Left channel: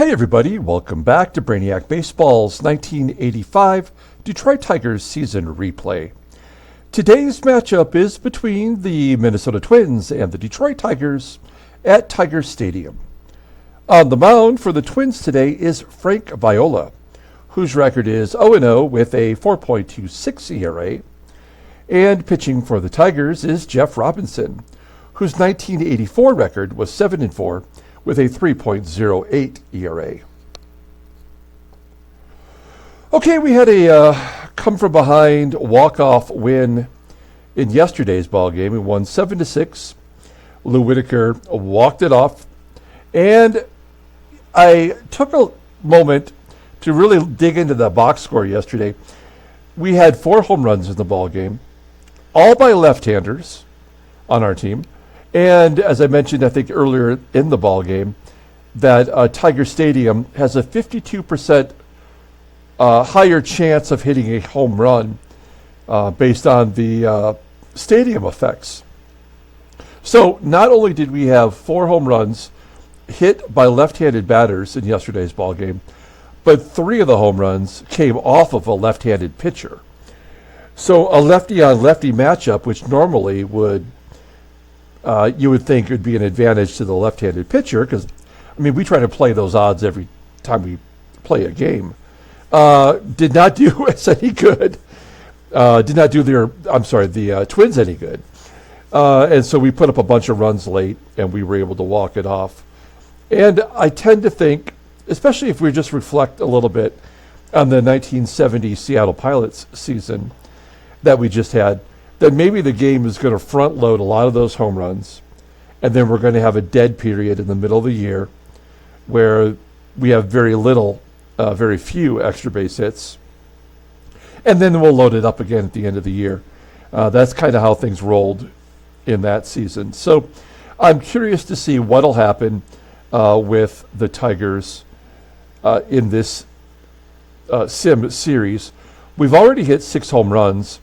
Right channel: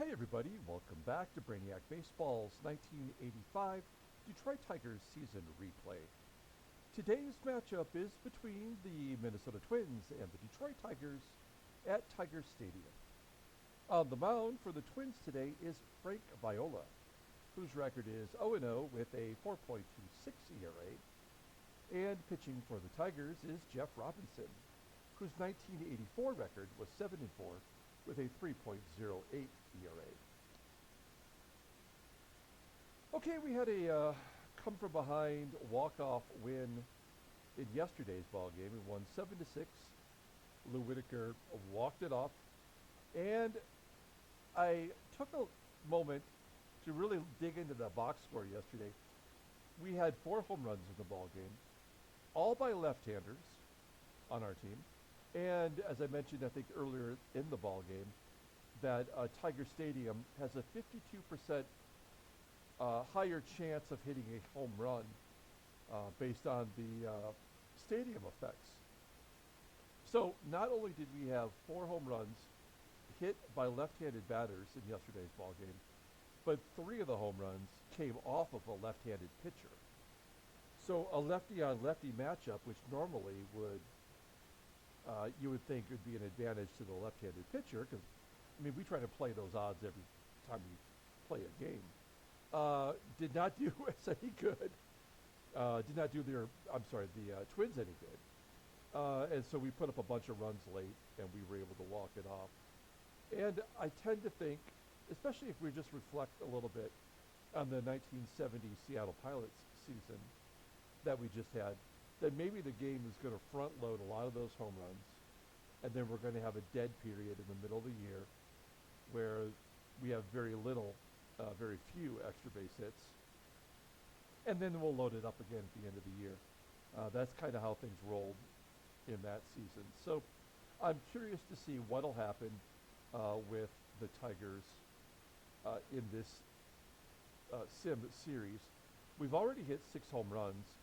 Hey everybody, welcome back to Brainiac Baseball's 1985 Detroit Tigers season replay. Today's matchup is between the Minnesota Twins and the Detroit Tigers at Tiger Stadium. On the mound for the Twins today is Frank Viola, whose record is 0-0 with a 4.26 ERA. And pitching for the Tigers is Jeff Robinson, whose 1984 record was 7-4 with a 3.08 ERA. Okay, we had a come-from-behind walk-off win in yesterday's ball game. We won 7-6. Lou Whitaker walked it off. And I took a moment to really dig into the box score yesterday. We had 4 home runs in the ball game, all by left-handers on our team. And as I mentioned, I think earlier in the ball game, that Tiger Stadium has a 52% higher chance of hitting a home run based on the stadium effects. So not only did we have 4 home runs hit by left-handed batters in yesterday's ball game, but 3 of the home runs came off of a left-handed pitcher. So a lefty-on-lefty matchup, which normally would you would think it would be an advantage to the left-handed pitcher because, I mean, we try to play those odds every time we play a game. Did not do us any good. Did not do the Twins any good. And so we put up a bunch of runs late, and we were able to walk it off. And I tend to think, especially if we just reflect a little bit on the 1970 Seattle Pilots season that we just had, that maybe the game is going to front load a lot of those home runs, and then we're going to have a dead period in the middle of the year where we have very few extra base hits, and then we'll load it up again at the end of the year. That's kind of how things rolled in that season. So I'm curious to see what'll happen with the Tigers in this sim series. We've already hit 6 home runs.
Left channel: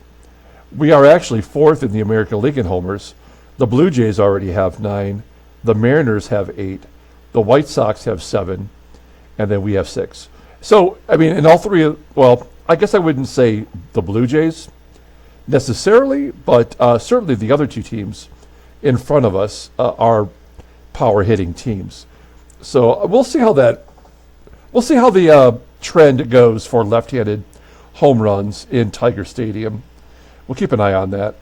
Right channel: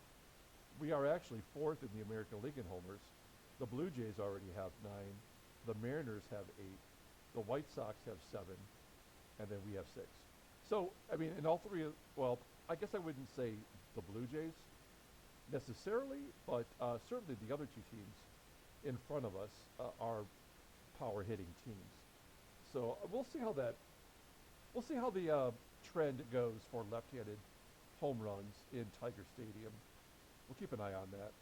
We are actually 4th in the American League in homers. The Blue Jays already have 9. The Mariners have 8. The White Sox have 7. And then we have 6. So, I mean, in all 3, I guess I wouldn't say the Blue Jays necessarily, but certainly the other 2 teams in front of us are power hitting teams. So we'll see how the trend goes for left-handed home runs in Tiger Stadium. We'll keep an eye on that.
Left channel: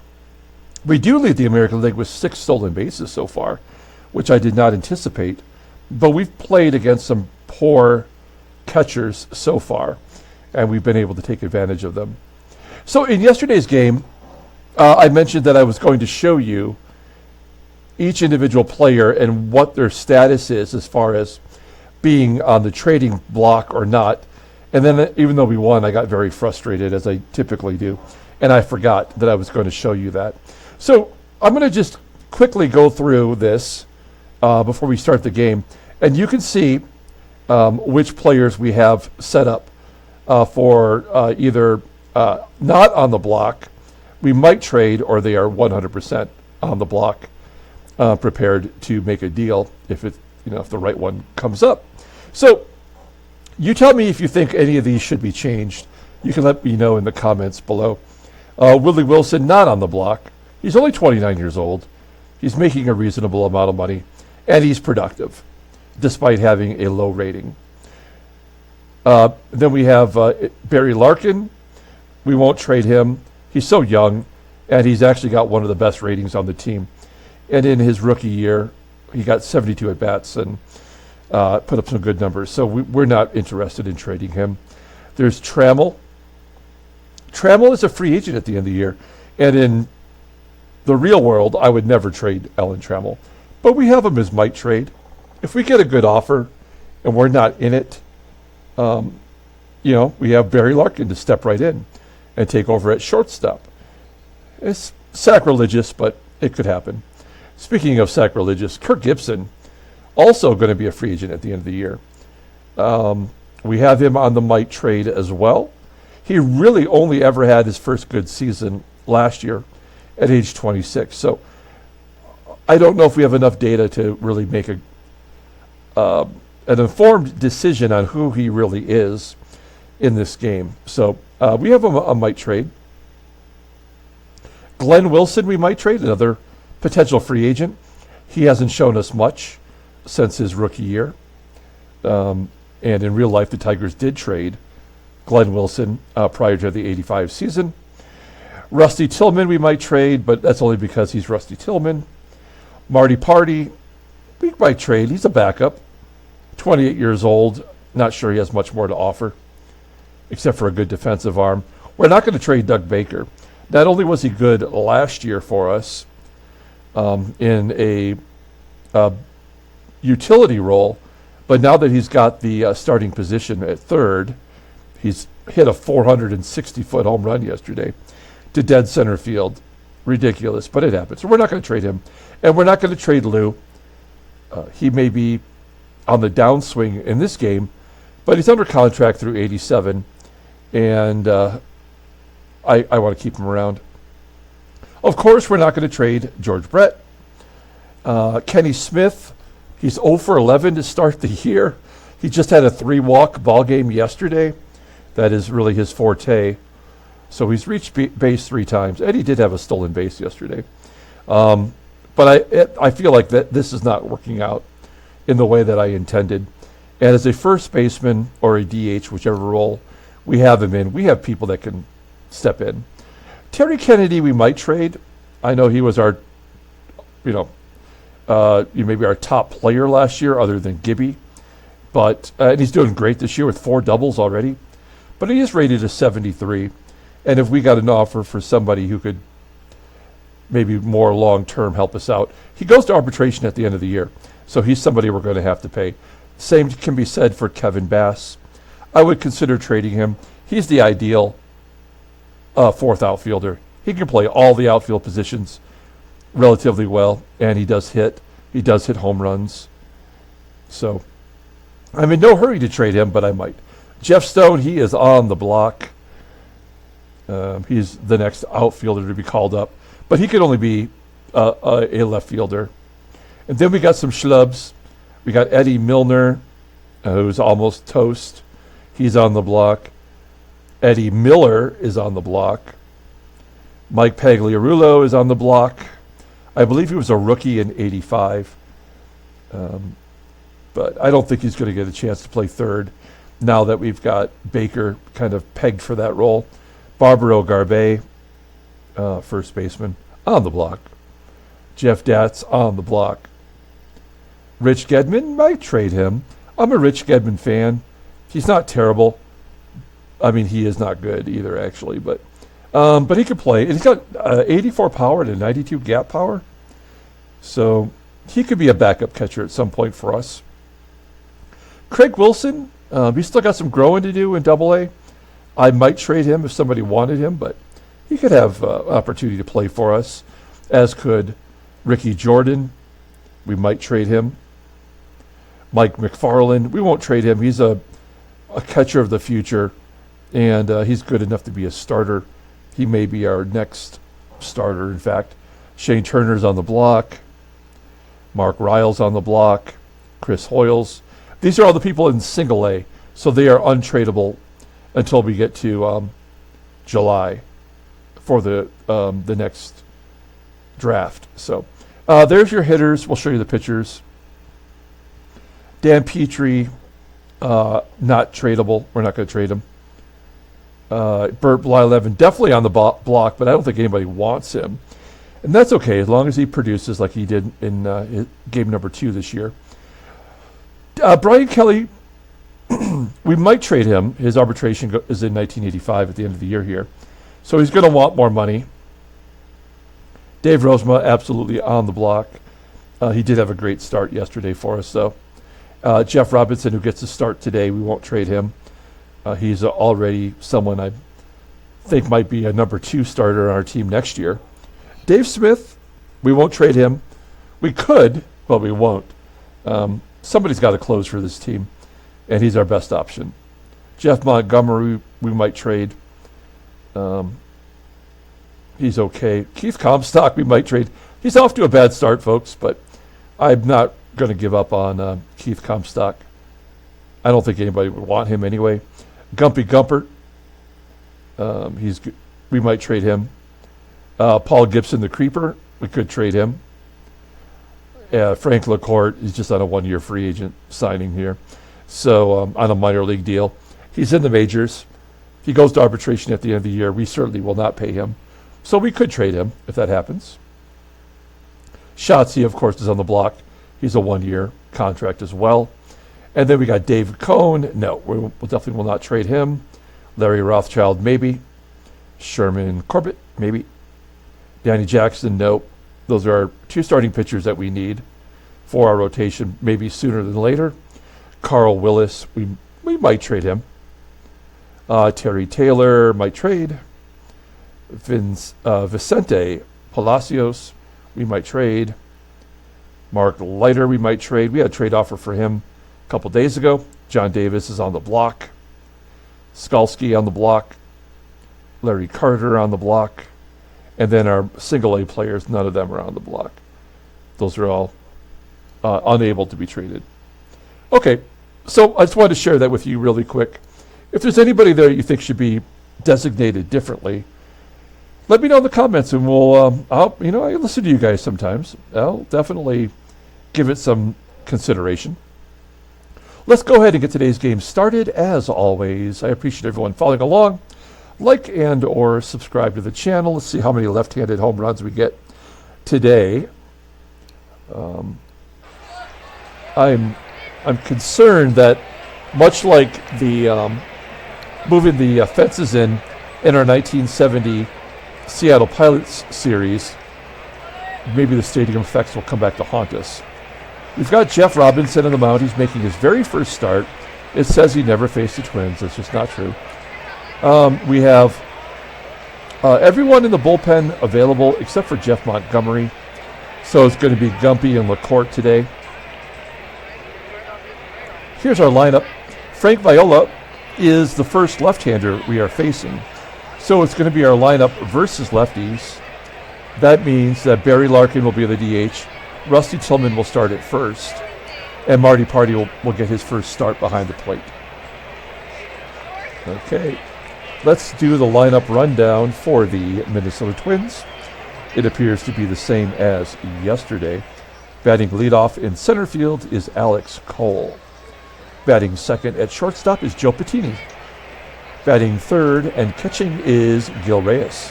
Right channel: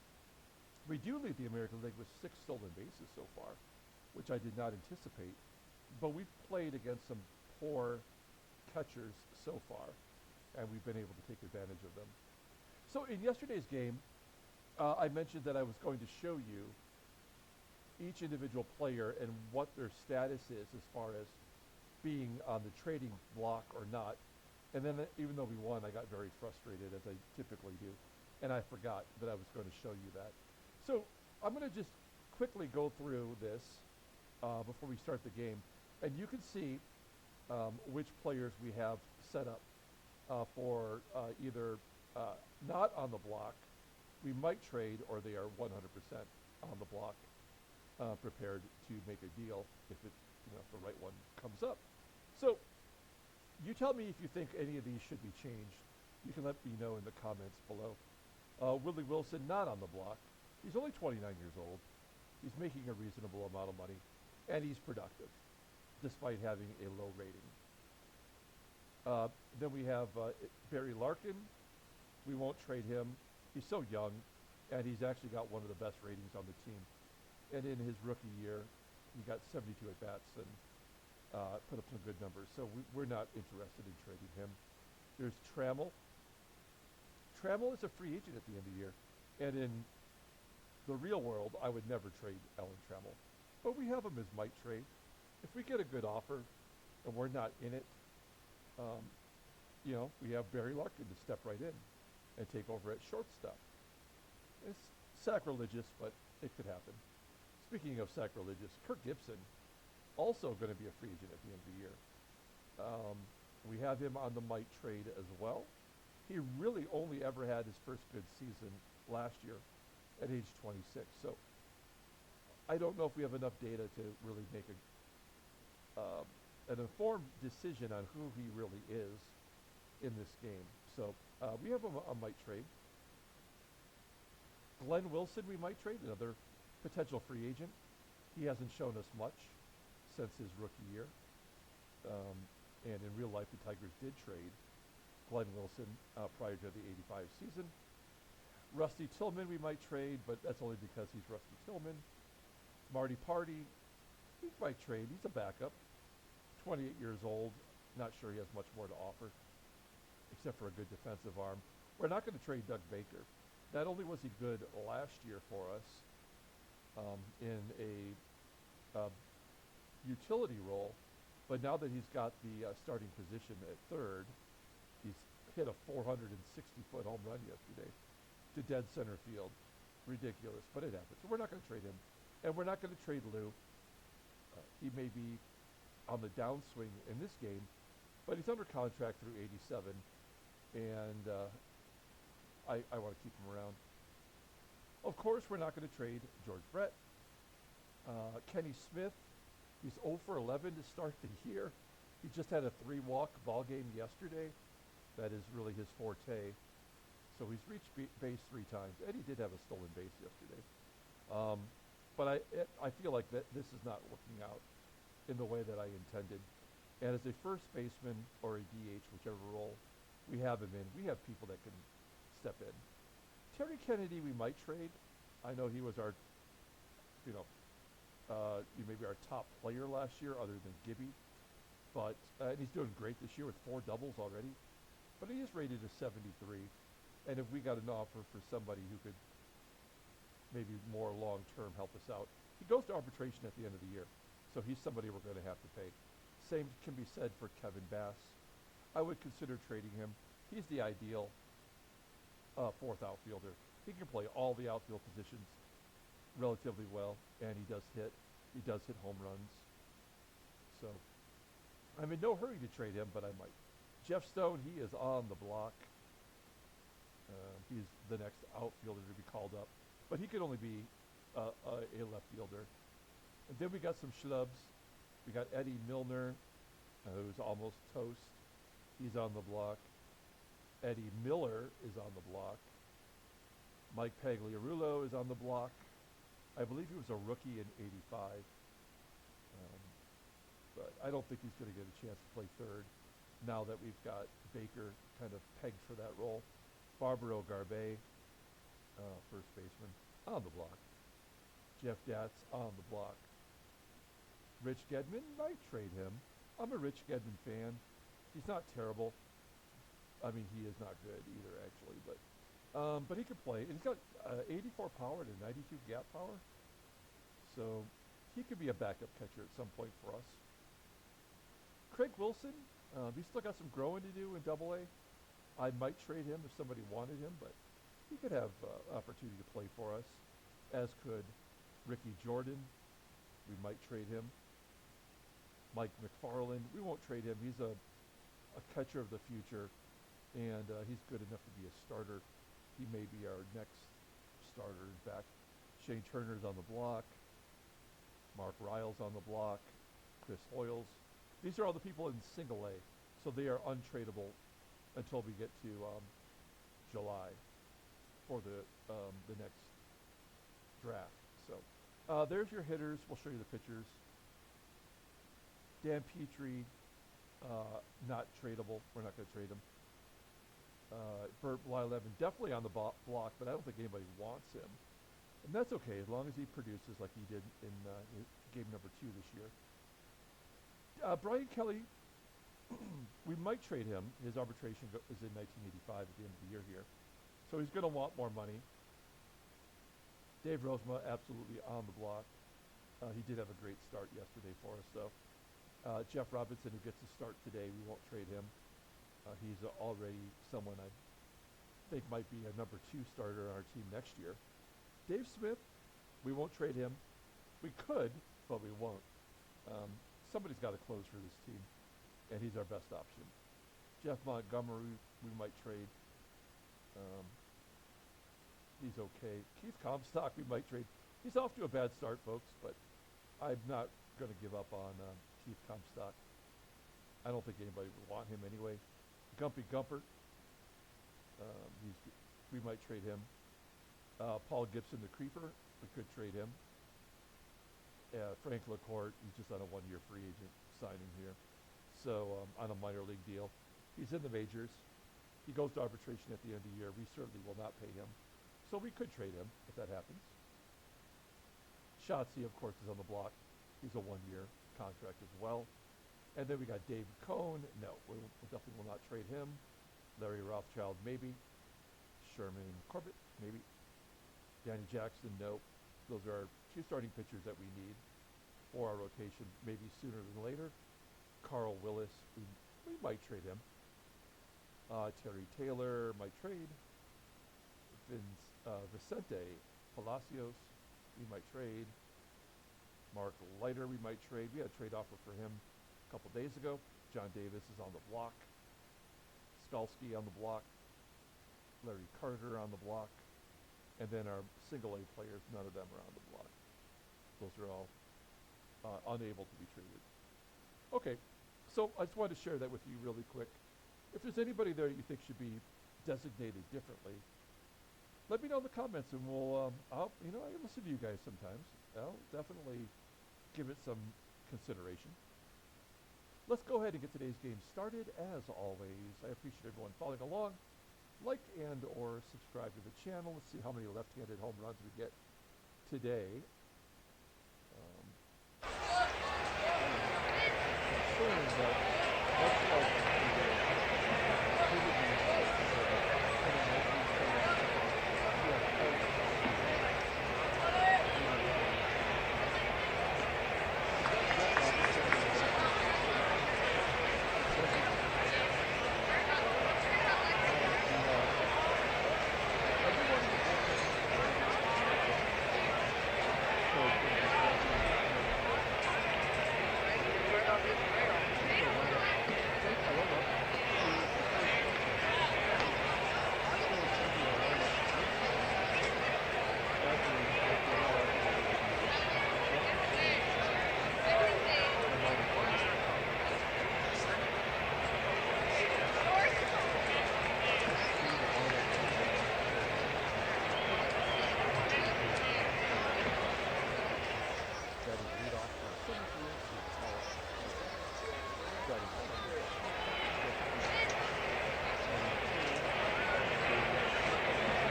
We do lead the American League with 6 stolen bases so far, which I did not anticipate. But we've played against some poor catchers so far, and we've been able to take advantage of them. So in yesterday's game, I mentioned that I was going to show you each individual player and what their status is as far as being on the trading block or not. And then even though we won, I got very frustrated, as I typically do. And I forgot that I was going to show you that. So I'm going to just quickly go through this before we start the game. And you can see which players we have set up for either not on the block, we might trade, or they are 100% on the block, prepared to make a deal if the right one comes up. So you tell me if you think any of these should be changed. You can let me know in the comments below. Willie Wilson, not on the block. He's only 29 years old. He's making a reasonable amount of money, and he's productive, despite having a low rating. Then we have Barry Larkin. We won't trade him. He's so young, and he's actually got one of the best ratings on the team. And in his rookie year, he got 72 at-bats and put up some good numbers. So we're not interested in trading him. There's Trammell. Trammell is a free agent at the end of the year. And in the real world, I would never trade Alan Trammell. But we have him as might trade. If we get a good offer and we're not in it, we have Barry Larkin to step right in and take over at shortstop. It's sacrilegious, but it could happen. Speaking of sacrilegious, Kirk Gibson, also going to be a free agent at the end of the year. We have him on the might trade as well. He really only ever had his first good season last year at age 26. So I don't know if we have enough data to really make an informed decision on who he really is in this game. So we have a might trade. Glenn Wilson, we might trade, another potential free agent. He hasn't shown us much since his rookie year. And in real life, the Tigers did trade Glenn Wilson prior to the 85 season. Rusty Tillman, we might trade, but that's only because he's Rusty Tillman. Marty Party, we might trade. He's a backup. 28 years old. Not sure he has much more to offer, except for a good defensive arm. We're not going to trade Doug Baker. Not only was he good last year for us in a utility role, but now that he's got the starting position at third, he's hit a 460-foot home run yesterday to dead center field. Ridiculous, but it happens. So we're not going to trade him. And we're not going to trade Lou. He may be on the downswing in this game, but he's under contract through 87, and I want to keep him around. Of course, we're not going to trade George Brett. Kenny Smith, he's 0 for 11 to start the year. He just had a 3-walk ball game yesterday. That is really his forte. So he's reached base 3 times, and he did have a stolen base yesterday. But I feel like that this is not working out in the way that I intended. And as a first baseman or a DH, whichever role we have him in, we have people that can step in. Terry Kennedy, we might trade. I know he was our, maybe our top player last year, other than Gibby. But and he's doing great this year with 4 doubles already. But he is rated a 73. And if we got an offer for somebody who could maybe more long-term help us out, he goes to arbitration at the end of the year. So he's somebody we're going to have to pay. Same can be said for Kevin Bass. I would consider trading him. He's the ideal 4th outfielder. He can play all the outfield positions relatively well, and he does hit. He does hit home runs. So I'm in no hurry to trade him, but I might. Jeff Stone, he is on the block. He's the next outfielder to be called up, but he could only be a left fielder. And then we got some schlubs. We got Eddie Milner, who's almost toast. He's on the block. Eddie Miller is on the block. Mike Pagliarulo is on the block. I believe he was a rookie in 85. But I don't think he's going to get a chance to play third now that we've got Baker kind of pegged for that role. Barbaro Garbe, first baseman, on the block. Jeff Datz on the block. Rich Gedman, might trade him. I'm a Rich Gedman fan. He's not terrible. I mean, he is not good either, actually, but he could play. And he's got 84 power to 92 gap power. So he could be a backup catcher at some point for us. Craig Wilson, he's still got some growing to do in Double-A. I might trade him if somebody wanted him, but he could have opportunity to play for us, as could Ricky Jordan. We might trade him. Mike McFarland, we won't trade him. He's a catcher of the future, and he's good enough to be a starter. He may be our next starter, in fact. Shane Turner's on the block. Mark Riles on the block. Chris Hoyles. These are all the people in single A, so they are untradeable until we get to July for the next draft. So there's your hitters. We'll show you the pitchers. Dan Petrie, not tradable. We're not going to trade him. Bert Blyleven, definitely on the block, but I don't think anybody wants him. And that's okay, as long as he produces like he did in game number 2 this year. Brian Kelly, we might trade him. His arbitration is in 1985 at the end of the year here. So he's going to want more money. Dave Rozema, absolutely on the block. He did have a great start yesterday for us, though. Jeff Robinson, who gets a start today, we won't trade him. He's already someone I think might be a number 2 starter on our team next year. Dave Smith, we won't trade him. We could, but we won't. Somebody's got to close for this team, and he's our best option. Jeff Montgomery, we might trade. He's okay. Keith Comstock, we might trade. He's off to a bad start, folks, but I'm not going to give up on Keith Comstock. I don't think anybody would want him anyway. Gumpy Gumpert. We might trade him. Paul Gibson, the Creeper. We could trade him. Frank LaCourte is just on a one-year free agent signing here. So on a minor league deal. He's in the majors. If he goes to arbitration at the end of the year, we certainly will not pay him. So we could trade him if that happens. Shotzi, of course, is on the block. He's a one-year contract as well. And then we got David Cohn. No, we definitely will not trade him. Larry Rothschild, maybe. Sherman Corbett, maybe. Danny Jackson, no. Those are our two starting pitchers that we need for our rotation, maybe sooner than later. Carl Willis, we might trade him. Terry Taylor might trade. Vicente Palacios, we might trade. Mark Leiter, we might trade. We had a trade offer for him a couple days ago. John Davis is on the block. Skalski on the block. Larry Carter on the block. And then our single A players, none of them are on the block. Those are all unable to be traded. Okay, so I just wanted to share that with you really quick. If there's anybody there you think should be designated differently, let me know in the comments, and we'll, I listen to you guys sometimes. I'll definitely give it some consideration. Let's go ahead and get today's game started. As always, I appreciate everyone following along. Like and or subscribe to the channel. Let's see how many left-handed home runs we get today. I'm concerned that much like the moving the fences in our 1970 Seattle Pilots series, maybe the stadium effects will come back to haunt us. We've got Jeff Robinson on the mound. He's making his very first start. It says he never faced the Twins. That's just not true. We have everyone in the bullpen available except for Jeff Montgomery. So it's going to be Gumpy and LaCourte today. Here's our lineup. Frank Viola is the first left-hander we are facing. So it's going to be our lineup versus lefties. That means that Barry Larkin will be the DH. Rusty Tillman will start at first. And Marty Party will get his first start behind the plate. Okay. Let's do the lineup rundown for the Minnesota Twins. It appears to be the same as yesterday. Batting leadoff in center field is Alex Cole. Batting second at shortstop is Joe Patini. Batting third and catching is Gil Reyes.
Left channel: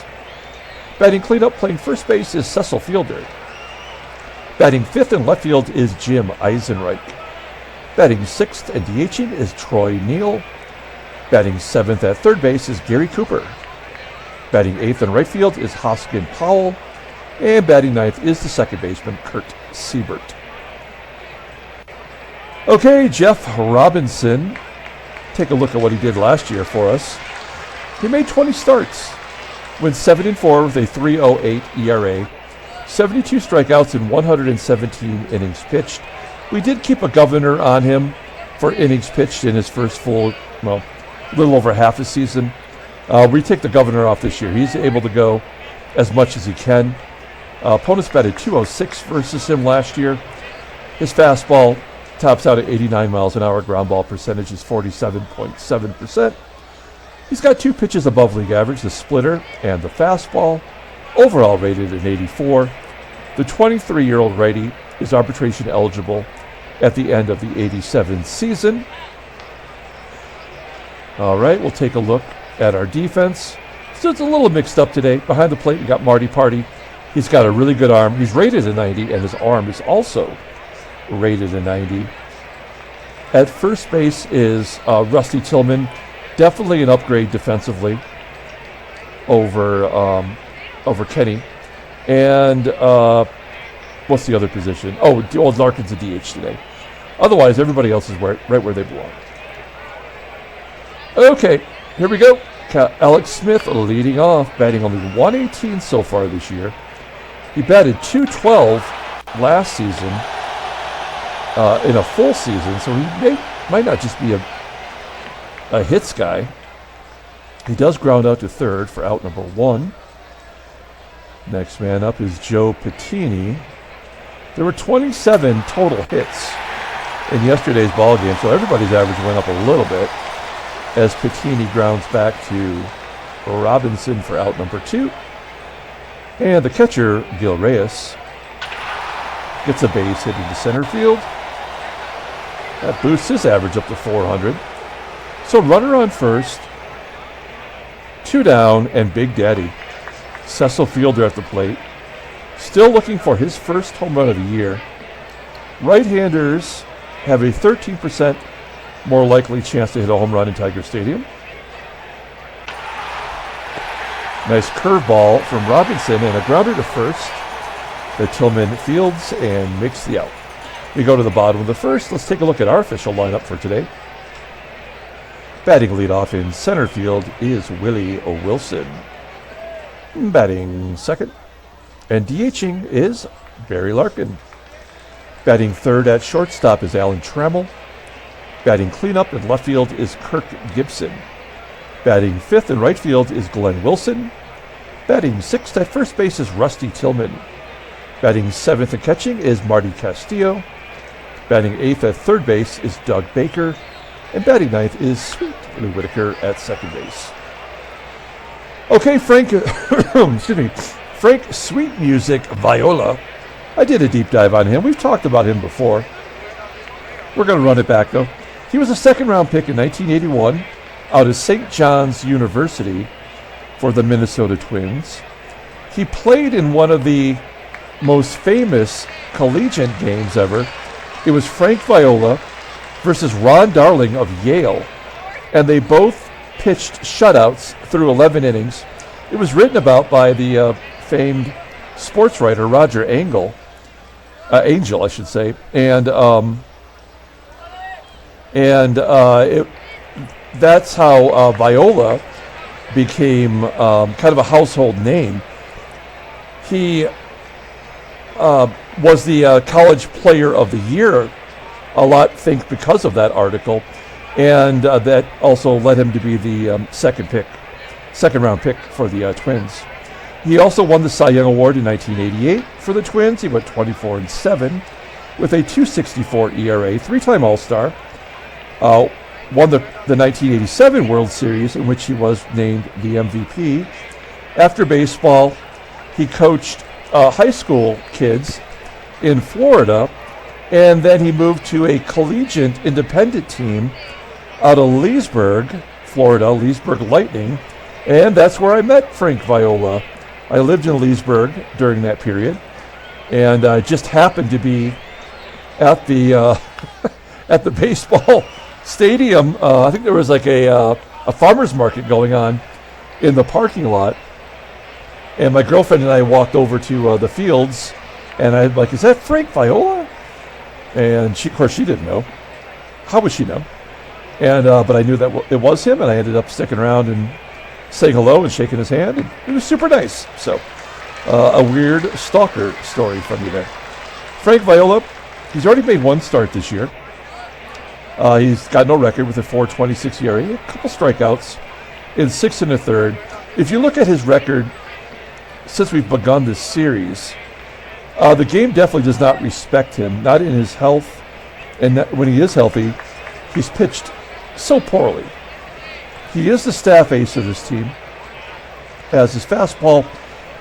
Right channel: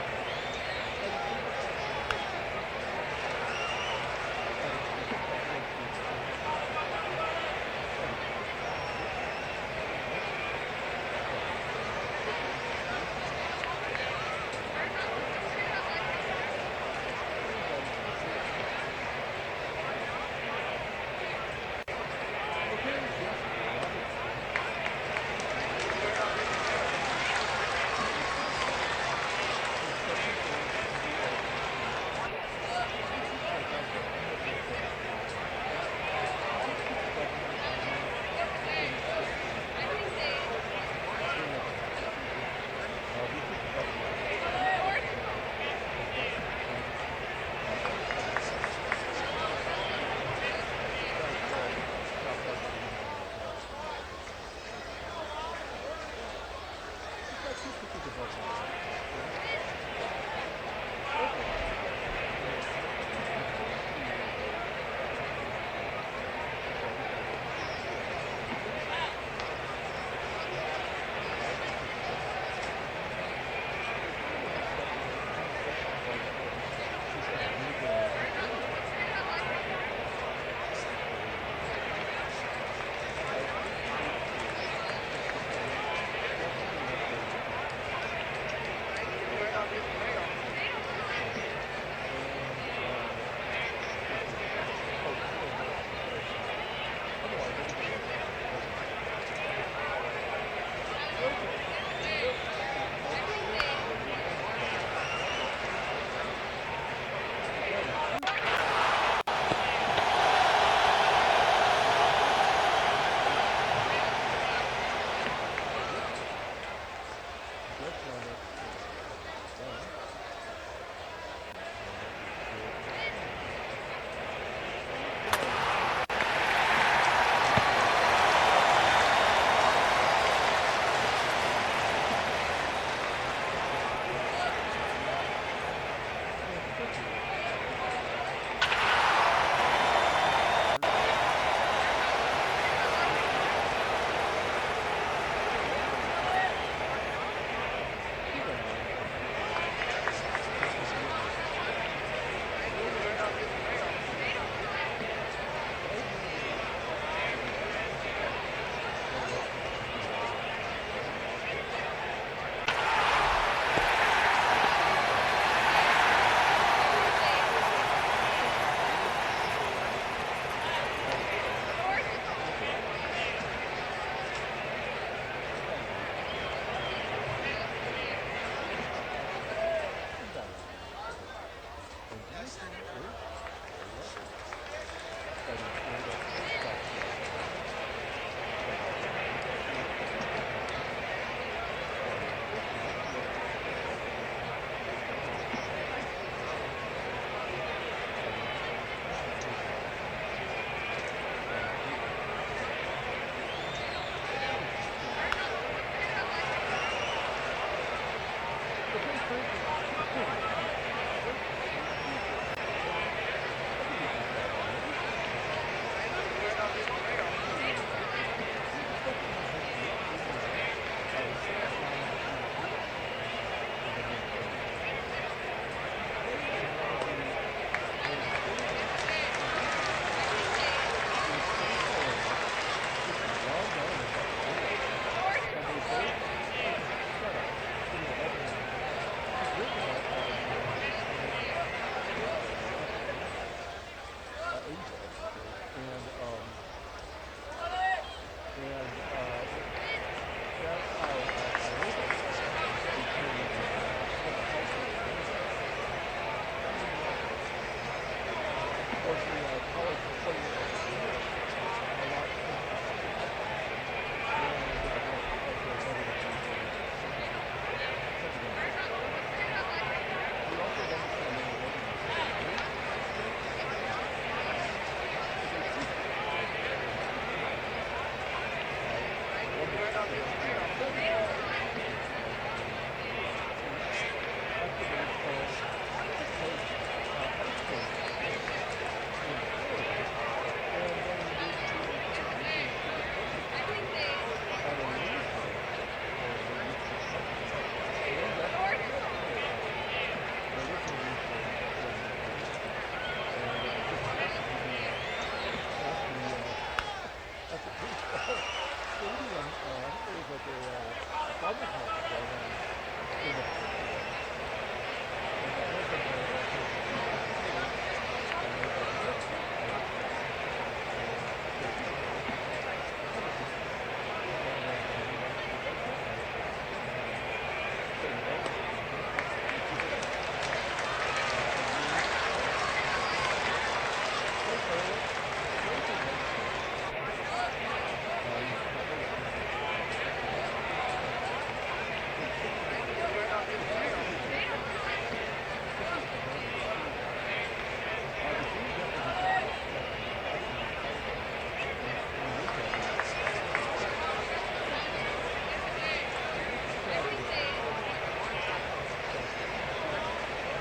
Batting cleanup playing first base is Cecil Fielder. Batting fifth in left field is Jim Eisenreich. Batting sixth and DHing is Troy Neal. Batting seventh at third base is Gary Cooper. Batting eighth in right field is Hoskin Powell. And batting ninth is the second baseman, Kurt Siebert. Okay, Jeff Robinson. Take a look at what he did last year for us. He made 20 starts, went 7-4 with a 3.08 ERA, 72 strikeouts in 117 innings pitched. We did keep a governor on him for innings pitched in his first full, a little over half a season. We take the governor off this year. He's able to go as much as he can. Opponents batted 206 versus him last year. His fastball tops out at 89 miles an hour. Ground ball percentage is 47.7%. He's got two pitches above league average, the splitter and the fastball, overall rated at 84. The 23-year-old righty is arbitration eligible at the end of the 87 season. All right, we'll take a look at our defense. So it's a little mixed up today. Behind the plate, we got Marty Party. He's got a really good arm. He's rated a 90, and his arm is also rated a 90. At first base is Rusty Tillman. Definitely an upgrade defensively over Kenny. And what's the other position? Oh, Larkin's a DH today. Otherwise, everybody else is right where they belong. Okay, here we go. Alex Smith leading off, batting only 118 so far this year. He batted 212 last season in a full season, so he might not just be a hits guy. He does ground out to third for out number one. Next man up is Joe Patini. There were 27 total hits in yesterday's ball game, so everybody's average went up a little bit as Pittini grounds back to Robinson for out number 2. And the catcher, Gil Reyes, gets a base hit into center field. That boosts his average up to 400. So runner on first, 2 down, and Big Daddy, Cecil Fielder at the plate, still looking for his first home run of the year. Right-handers have a 13% more likely chance to hit a home run in Tiger Stadium. Nice curveball from Robinson and a grounder to first. The Tillman fields and makes the out. We go to the bottom of the first. Let's take a look at our official lineup for today. Batting leadoff in center field is Willie Wilson. Batting second and DHing is Barry Larkin. Batting third at shortstop is Alan Trammell. Batting cleanup in left field is Kirk Gibson. Batting fifth in right field is Glenn Wilson. Batting sixth at first base is Rusty Tillman. Batting seventh and catching is Marty Castillo. Batting eighth at third base is Doug Baker. And batting ninth is Sweet Lou Whitaker at second base. Okay, Frank, excuse me, Frank Sweet Music Viola. I did a deep dive on him. We've talked about him before. We're going to run it back, though. He was a second-round pick in 1981 out of St. John's University for the Minnesota Twins. He played in one of the most famous collegiate games ever. It was Frank Viola versus Ron Darling of Yale, and they both pitched shutouts through 11 innings. It was written about by the famed sports writer Roger Angel, I should say, and that's how Viola became kind of a household name. He was the college player of the year, a lot think because of that article, and that also led him to be the second round pick for the Twins. He also won the Cy Young Award in 1988 for the Twins. He went 24-7 with a 2.64 ERA, 3-time All-Star. Won the 1987 World Series, in which he was named the MVP. After baseball, he coached high school kids in Florida, and then he moved to a collegiate independent team out of Leesburg, Florida, Leesburg Lightning, and that's where I met Frank Viola. I lived in Leesburg during that period, and I just happened to be at the at the baseball stadium. I think there was like a farmer's market going on in the parking lot, and my girlfriend and I walked over to the fields, and I'm like, "Is that Frank Viola?" And she, of course, she didn't know. How would she know? And but I knew that it was him, and I ended up sticking around and saying hello and shaking his hand. And he was super nice. So a weird stalker story from you there. Frank Viola, he's already made one start this year. He's got no record with a 4.26 ERA, a couple strikeouts in 6 1/3. If you look at his record since we've begun this series, the game definitely does not respect him, not in his health, and when he is healthy, he's pitched so poorly. He is the staff ace of this team, as his fastball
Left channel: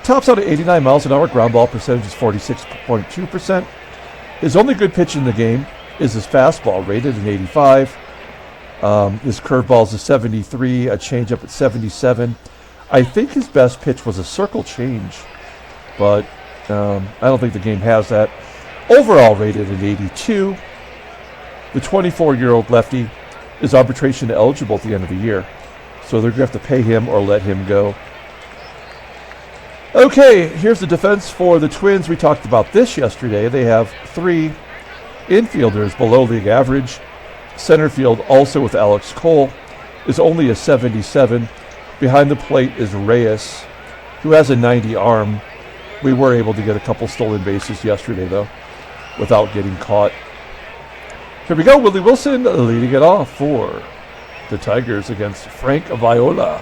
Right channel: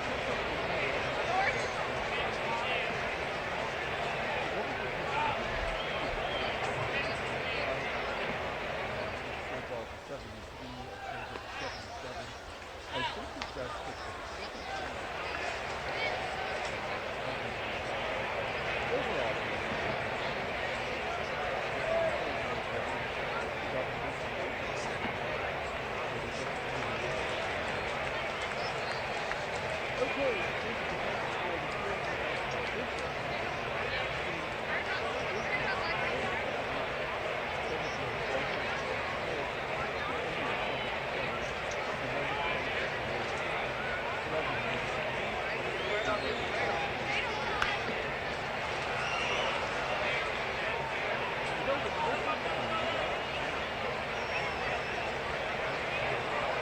tops out at 89 miles an hour, ground ball percentage is 46.2%. His only good pitch in the game is his fastball, rated at 85. His curveball is a 73, a changeup at 77. I think his best pitch was a circle change, but I don't think the game has that. Overall rated at 82. The 24-year-old lefty is arbitration eligible at the end of the year, so they're going to have to pay him or let him go. Okay, here's the defense for the Twins. We talked about this yesterday. They have 3 infielders below league average. Center field, also with Alex Cole, is only a 77. Behind the plate is Reyes, who has a 90 arm. We were able to get a couple stolen bases yesterday, though, without getting caught. Here we go, Willie Wilson leading it off for the Tigers against Frank Viola.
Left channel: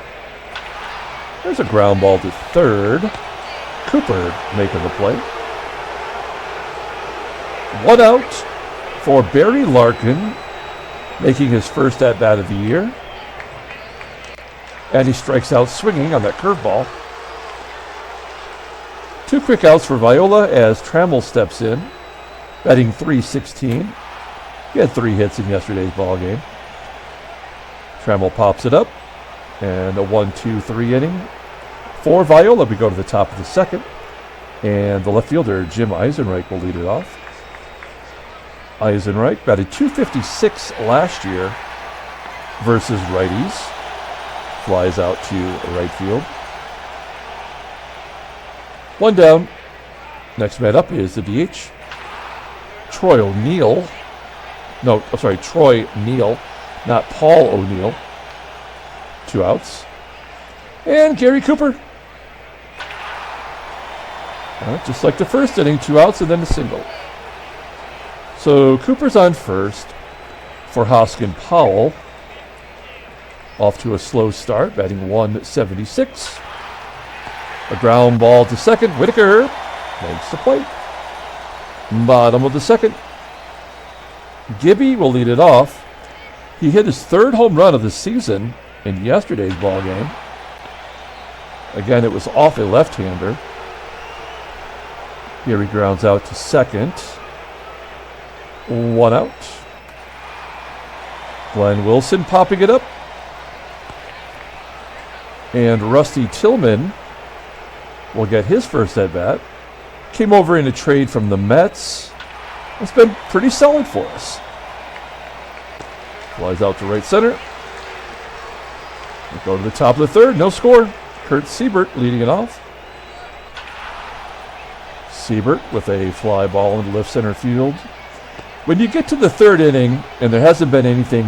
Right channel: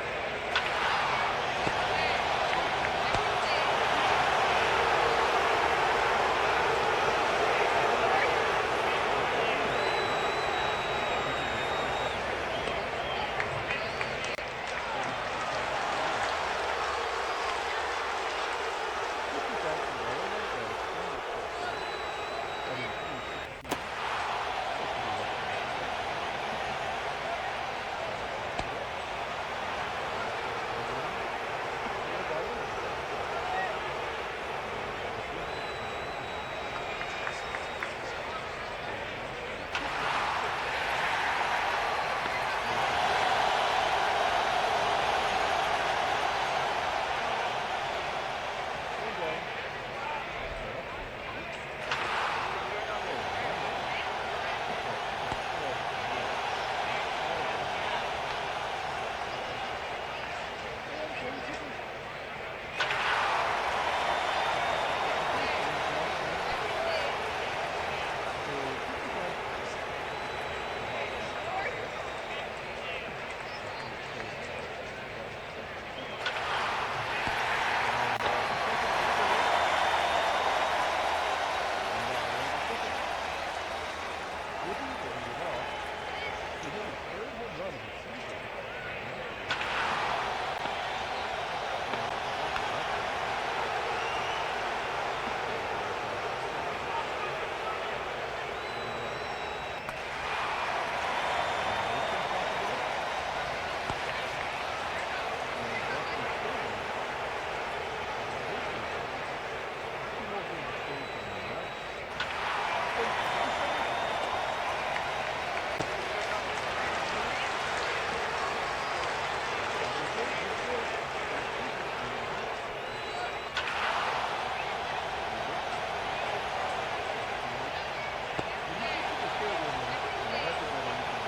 There's a ground ball to third. Cooper making the play. 1 out for Barry Larkin, making his first at-bat of the year. And he strikes out swinging on that curveball. 2 quick outs for Viola as Trammell steps in, batting .316. He had 3 hits in yesterday's ball game. Trammell pops it up, and a 1-2-3 inning for Viola. We go to the top of the second, and the left fielder, Jim Eisenreich, will lead it off. Eisenreich batted .256 last year versus righties. Flies out to right field. 1 down. Next man up is the DH, Troy O'Neill. Troy Neal, not Paul O'Neill. 2 outs. And Gary Cooper. Just like the first inning, 2 outs and then a single. So Cooper's on first for Hoskin Powell. Off to a slow start, batting .176. A ground ball to second. Whitaker makes the plate. Bottom of the second. Gibby will lead it off. He hit his 3rd home run of the season in yesterday's ball game. Again, it was off a left-hander. Here he grounds out to second. 1 out. Glenn Wilson popping it up. And Rusty Tillman will get his first at-bat. Came over in a trade from the Mets. It's been pretty solid for us. Flies out to right center. We'll go to the top of the 3rd. No score. Kurt Siebert leading it off. Siebert with a fly ball in left center field. When you get to the 3rd inning, and there hasn't been anything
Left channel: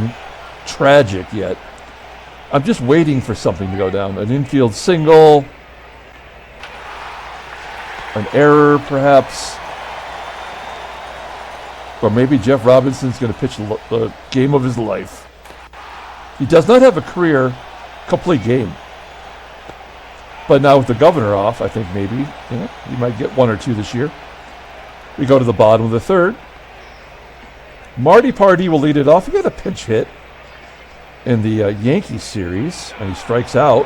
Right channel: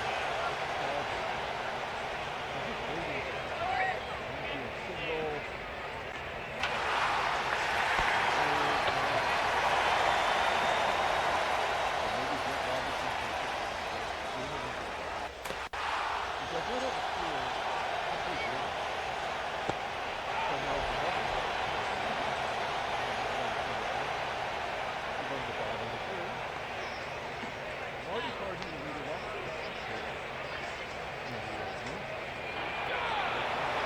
tragic yet, I'm just waiting for something to go down. An infield single, an error perhaps, or maybe Jeff Robinson's going to pitch the game of his life. He does not have a career complete game. But now with the governor off, I think maybe you might get 1 or 2 this year. We go to the bottom of the 3rd. Marty Pardee will lead it off. He had a pinch hit in the Yankees series, and he strikes out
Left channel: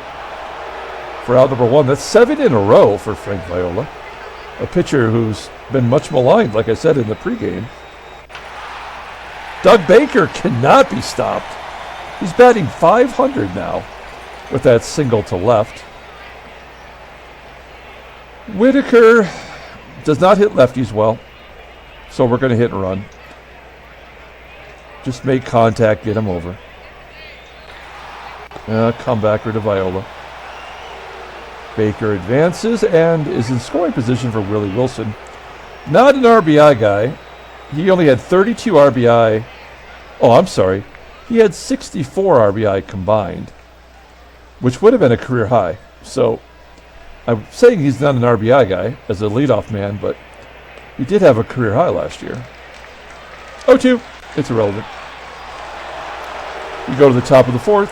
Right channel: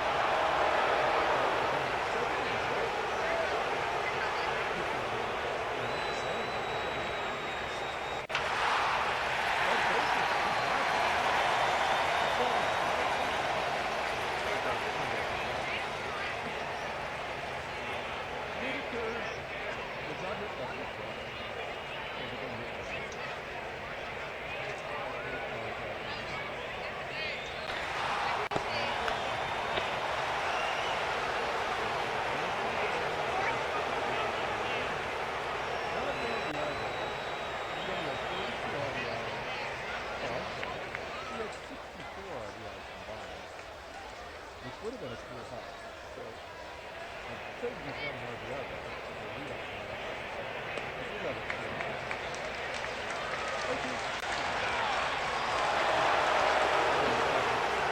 for out number 1. That's 7 in a row for Frank Viola, a pitcher who's been much maligned, like I said in the pregame. Doug Baker cannot be stopped. He's batting .500 now with that single to left. Whitaker does not hit lefties well, so we're going to hit and run. Just make contact, get him over. Comebacker to Viola. Baker advances and is in scoring position for Willie Wilson. Not an RBI guy. He only had 32 RBI. Oh, I'm sorry. He had 64 RBI combined, which would have been a career high. So I'm saying he's not an RBI guy as a leadoff man, but he did have a career high last year. 0-2. It's irrelevant. We go to the top of the 4th.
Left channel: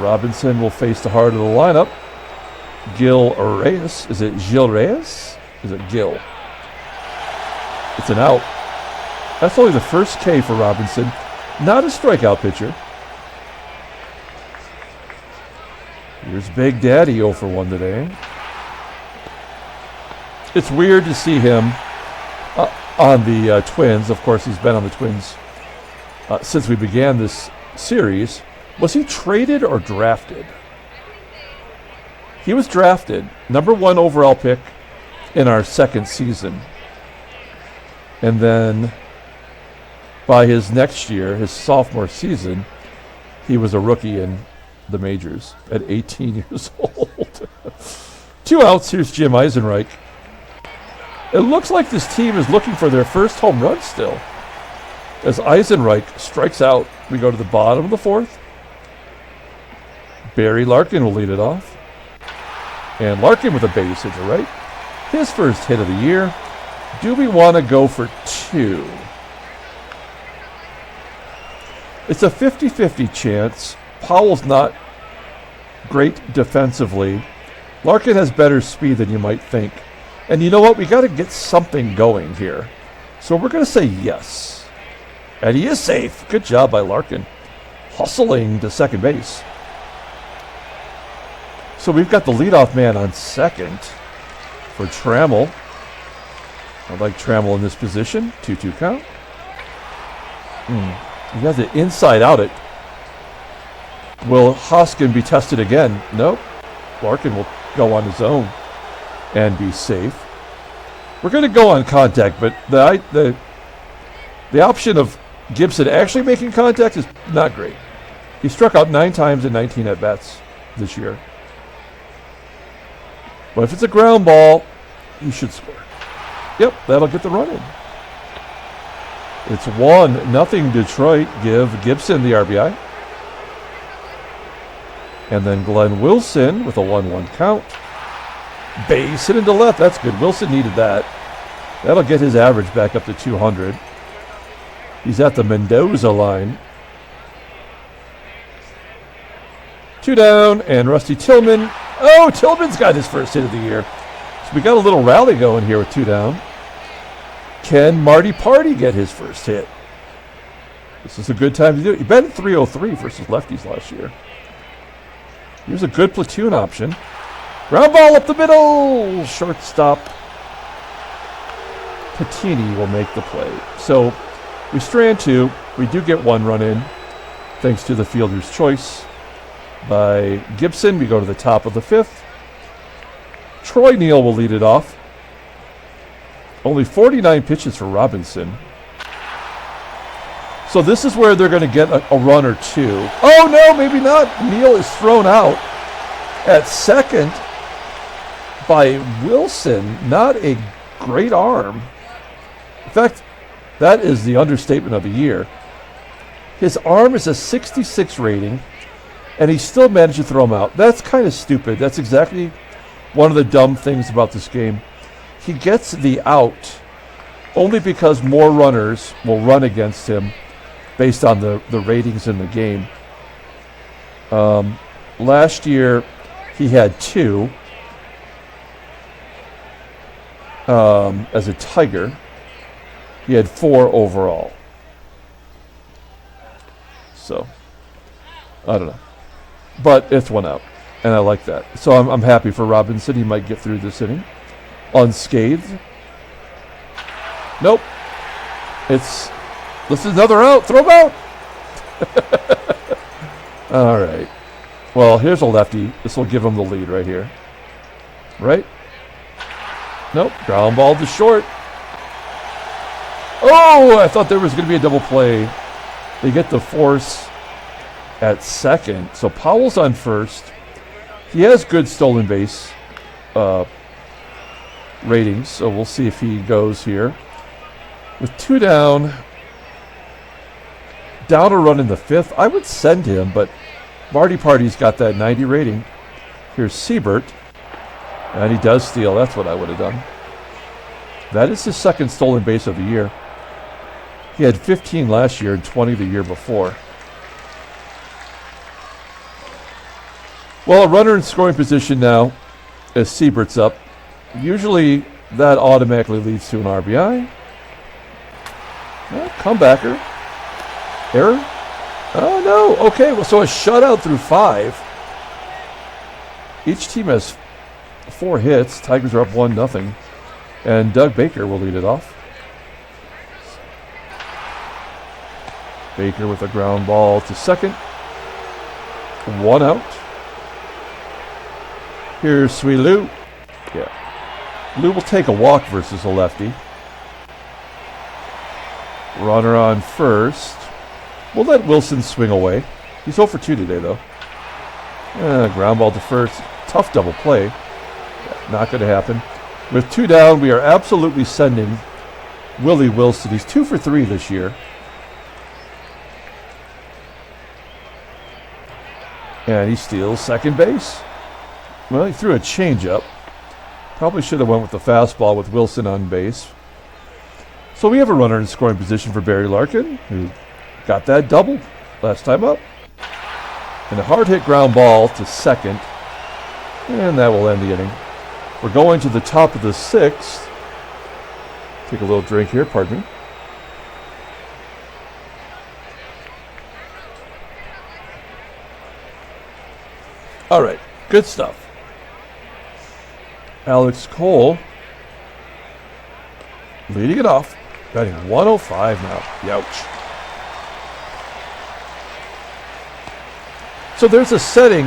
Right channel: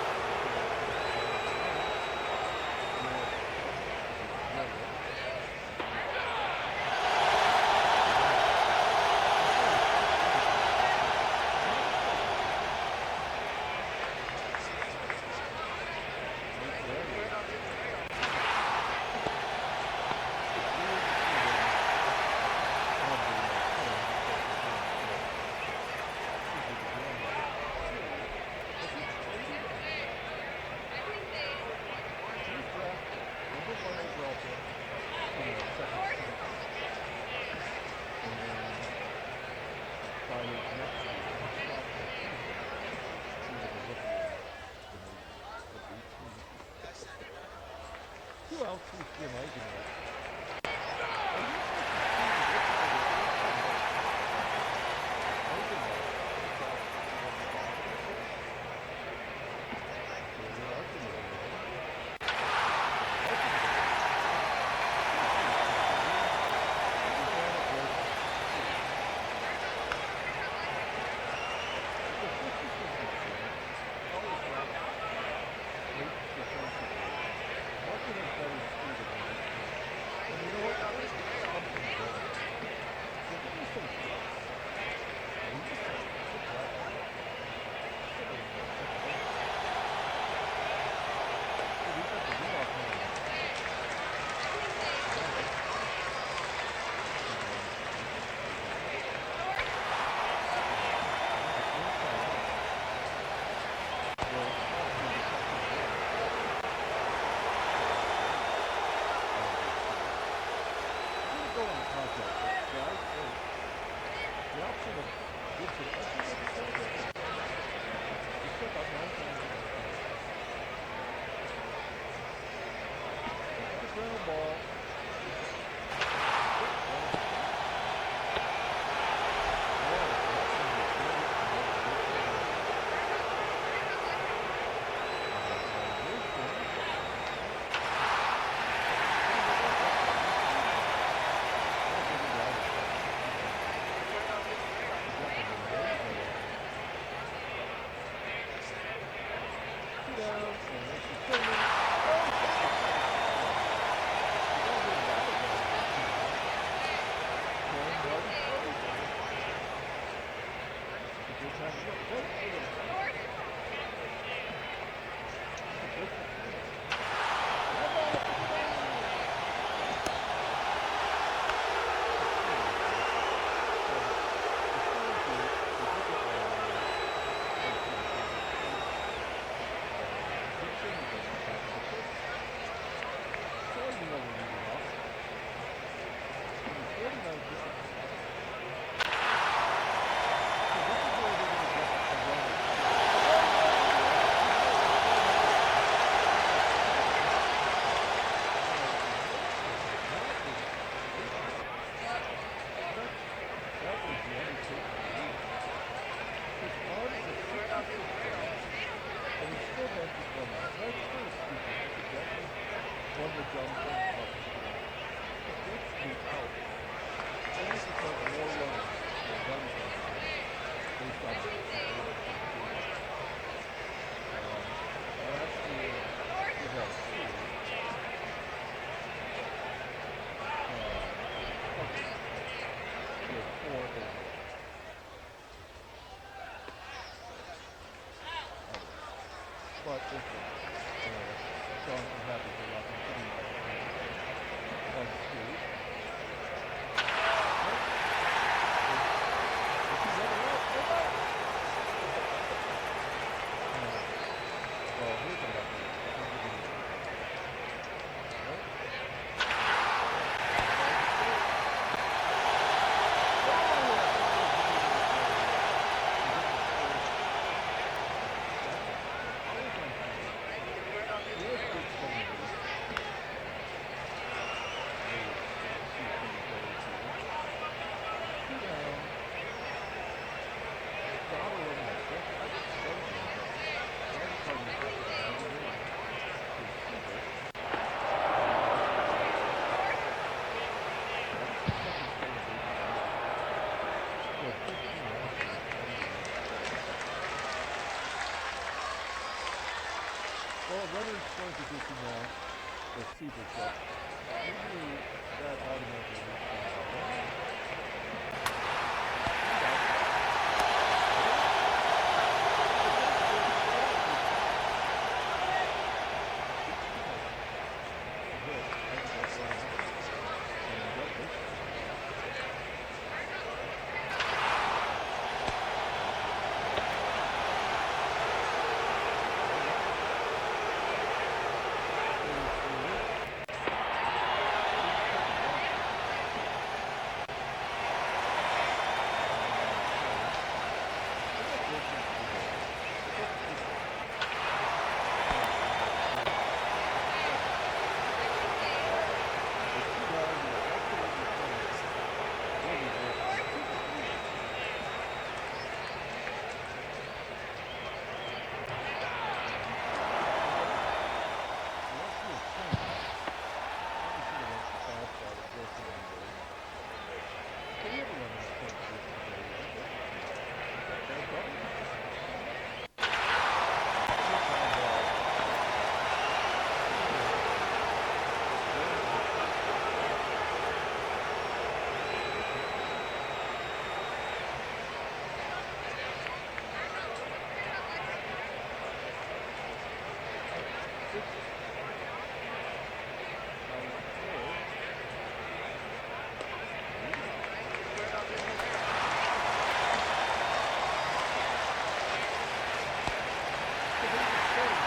Robinson will face the heart of the lineup. Gil Reyes. Is it Gil Reyes? Is it Gil? It's an out. That's only the first K for Robinson. Not a strikeout pitcher. Here's Big Daddy 0 for 1 today. It's weird to see him on the Twins. Of course, he's been on the Twins since we began this series. Was he traded or drafted? He was drafted, number 1 overall pick in our 2nd season. And then by his next year, his sophomore season, he was a rookie in the majors at 18 years old. 2 outs. Here's Jim Eisenreich. It looks like this team is looking for their first home run still. As Eisenreich strikes out, we go to the bottom of the 4th. Barry Larkin will lead it off. And Larkin with a base hit to right. His first hit of the year. Do we want to go for 2? It's a 50-50 chance. Powell's not great defensively. Larkin has better speed than you might think. And you know what? We got to get something going here. So we're going to say yes. And he is safe. Good job by Larkin. Hustling to second base. So we've got the leadoff man on second for Trammell. I like Trammell in this position. 2-2 count. He has it inside out it. Will Hoskin be tested again? Nope. Larkin will go on his own and be safe. We're going to go on contact, but the option of Gibson actually making contact is not great. He struck out 9 times in 19 at-bats this year. But if it's a ground ball, you should score. Yep, that'll get the run in. It's 1-0 Detroit. Give Gibson the RBI. And then Glenn Wilson with a 1-1 count. Base hit into left. That's good. Wilson needed that. That'll get his average back up to 200. He's at the Mendoza line. 2 down, and Rusty Tillman. Oh, Tillman's got his first hit of the year. So we got a little rally going here with 2 down. Can Marty Party get his first hit? This is a good time to do it. He batted .303 versus lefties last year. He was a good platoon option. Ground ball up the middle. Shortstop Patini will make the play. So we strand 2. We do get 1 run in, thanks to the fielder's choice by Gibson. We go to the top of the 5th. Troy Neal will lead it off. Only 49 pitches for Robinson. So this is where they're going to get a run or 2. Oh, no, maybe not. Neal is thrown out at second by Wilson. Not a great arm. In fact, that is the understatement of the year. His arm is a 66 rating, and he still managed to throw him out. That's kind of stupid. That's exactly one of the dumb things about this game. He gets the out only because more runners will run against him based on the ratings in the game. Last year, he had 2 as a Tiger. He had 4 overall. So, I don't know. But it's 1 out, and I like that. So I'm happy for Robinson. He might get through this inning unscathed. Nope. This is another out. Throw him out. All right. Well, here's a lefty. This will give him the lead right here. Right? Nope. Ground ball to short. Oh, I thought there was going to be a double play. They get the force at second. So Powell's on first. He has good stolen base ratings, so we'll see if he goes here. With 2 down a run in the 5th, I would send him, but Marty Party's got that 90 rating. Here's Siebert, and he does steal. That's what I would have done. That is his second stolen base of the year. He had 15 last year and 20 the year before. Well, a runner in scoring position now as Siebert's up. Usually that automatically leads to an RBI. Well, comebacker. Error? Oh, no. Okay, well, so a shutout through 5. Each team has 4 hits. Tigers are up 1-0. And Doug Baker will lead it off. Baker with a ground ball to second. 1 out. Here's Sweet Lou. Yeah. Lou will take a walk versus a lefty. Runner on first. We'll let Wilson swing away. He's 0 for 2 today, though. Ground ball to first. Tough double play. Not going to happen. With 2 down, we are absolutely sending Willie Wilson. He's 2 for 3 this year. And he steals second base. Well, he threw a changeup. Probably should have went with the fastball with Wilson on base. So we have a runner in scoring position for Barry Larkin. He got that double last time up. And a hard hit ground ball to second. And that will end the inning. We're going to the top of the 6th. Take a little drink here, pardon me. All right, good stuff. Alex Cole leading it off, batting 105 now. Youch. So there's a setting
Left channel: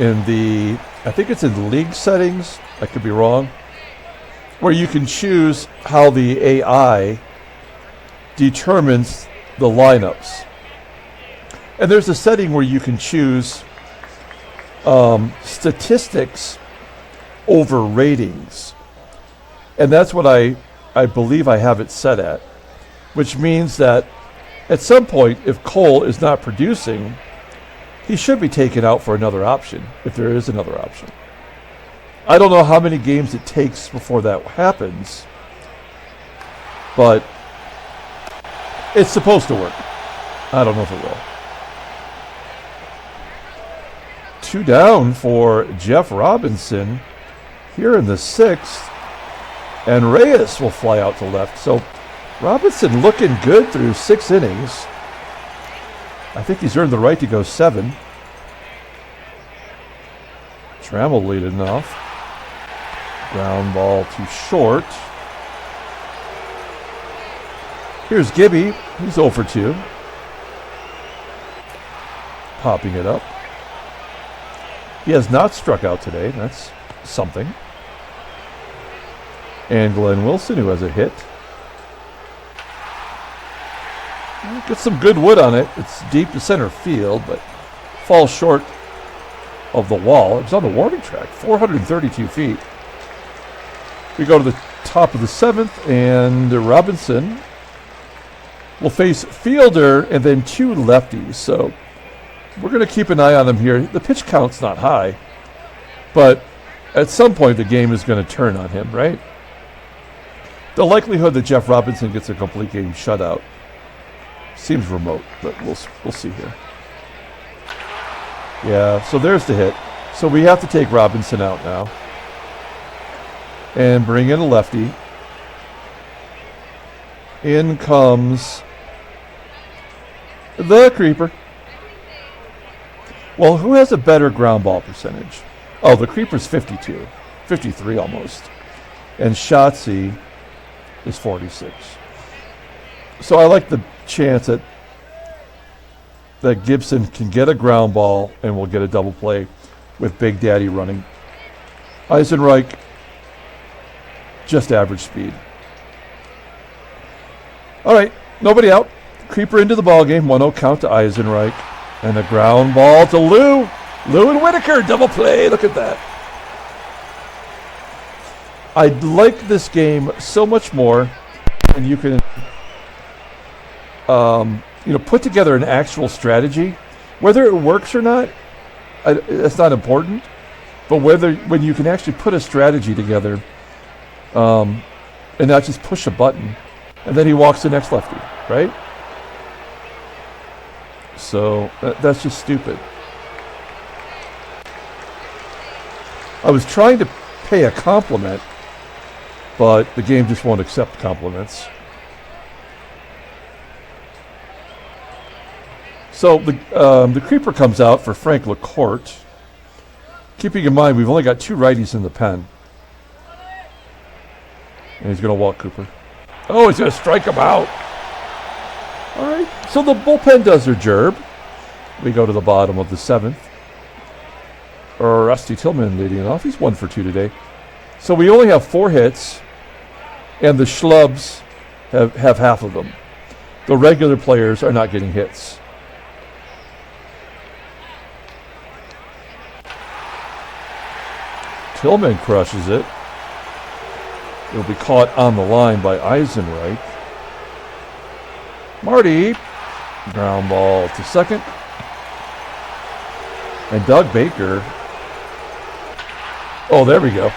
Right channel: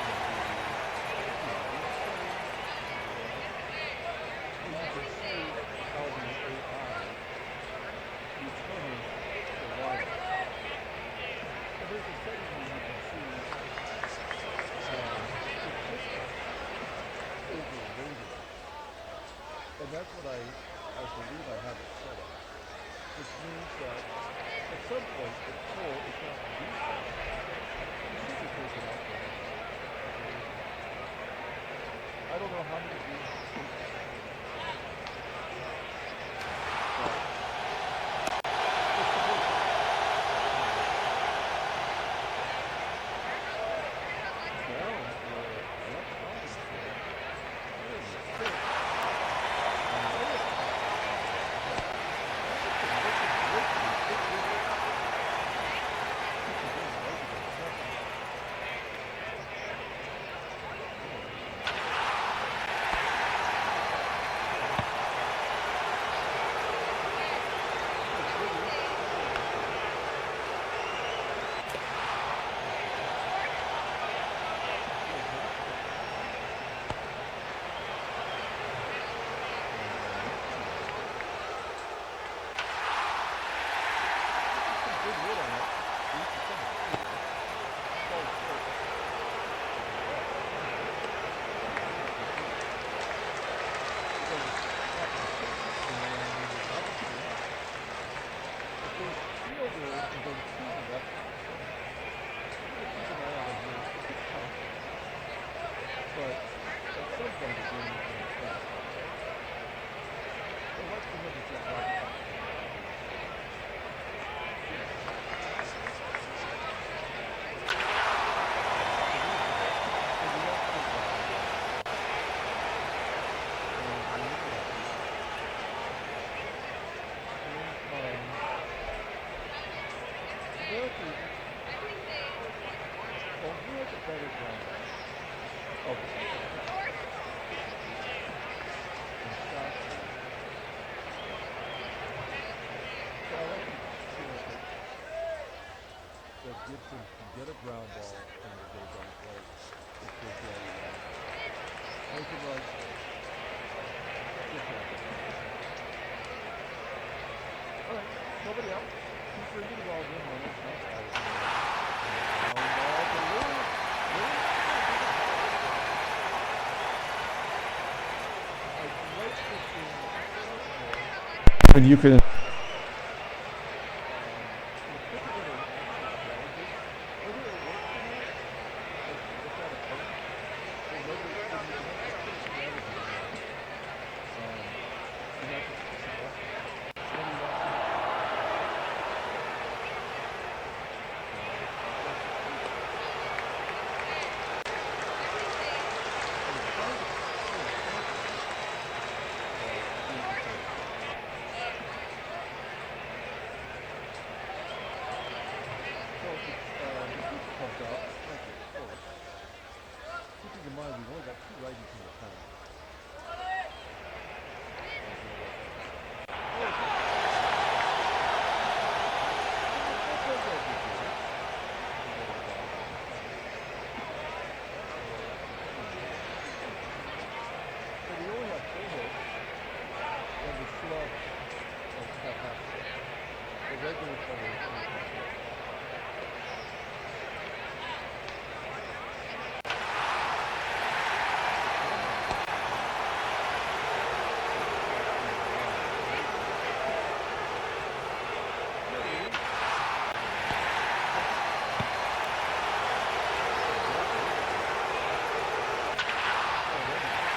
in the, I think it's in league settings, I could be wrong, where you can choose how the AI determines the lineups. And there's a setting where you can choose statistics over ratings. And that's what I believe I have it set at, which means that at some point, if Cole is not producing, he should be taken out for another option, if there is another option. I don't know how many games it takes before that happens, but it's supposed to work. I don't know if it will. 2 down for Jeff Robinson here in the 6th, and Reyes will fly out to left. So Robinson looking good through 6 innings. I think he's earned the right to go 7. Trammell leading off. Ground ball too short. Here's Gibby. He's 0 for 2. Popping it up. He has not struck out today. That's something. And Glenn Wilson, who has a hit. Gets some good wood on it. It's deep to center field, but falls short of the wall. It's on the warning track, 432 feet. We go to the top of the 7th, and Robinson will face Fielder and then 2 lefties. So we're going to keep an eye on him here. The pitch count's not high, but at some point the game is going to turn on him, right? The likelihood that Jeff Robinson gets a complete game shutout seems remote, but we'll see here. Yeah, so there's the hit. So we have to take Robinson out now and bring in a lefty. In comes the Creeper. Well, who has a better ground ball percentage? Oh, the Creeper's 52, 53 almost. And Shotzi is 46. So I like the chance that Gibson can get a ground ball and we'll get a double play with Big Daddy running. Eisenreich, just average speed. All right, nobody out. Creeper into the ball game. 1-0 count to Eisenreich. And a ground ball to Lou. Lou and Whitaker, double play. Look at that. I like this game so much more when you can put together an actual strategy. Whether it works or not, it's not important. But when you can actually put a strategy together and not just push a button, and then he walks the next lefty, right? So that's just stupid. I was trying to pay a compliment, but the game just won't accept compliments. So the Creeper comes out for Frank LaCourte. Keeping in mind, we've only got 2 righties in the pen. And he's going to walk Cooper. Oh, he's going to strike him out. All right, so the bullpen does their job. We go to the bottom of the 7th. Rusty Tillman leading off. He's 1 for 2 today. So we only have 4 hits, and the schlubs have half of them. The regular players are not getting hits. Tillman crushes it. It'll be caught on the line by Eisenreich. Marty, ground ball to second. And Doug Baker. Oh, there we go.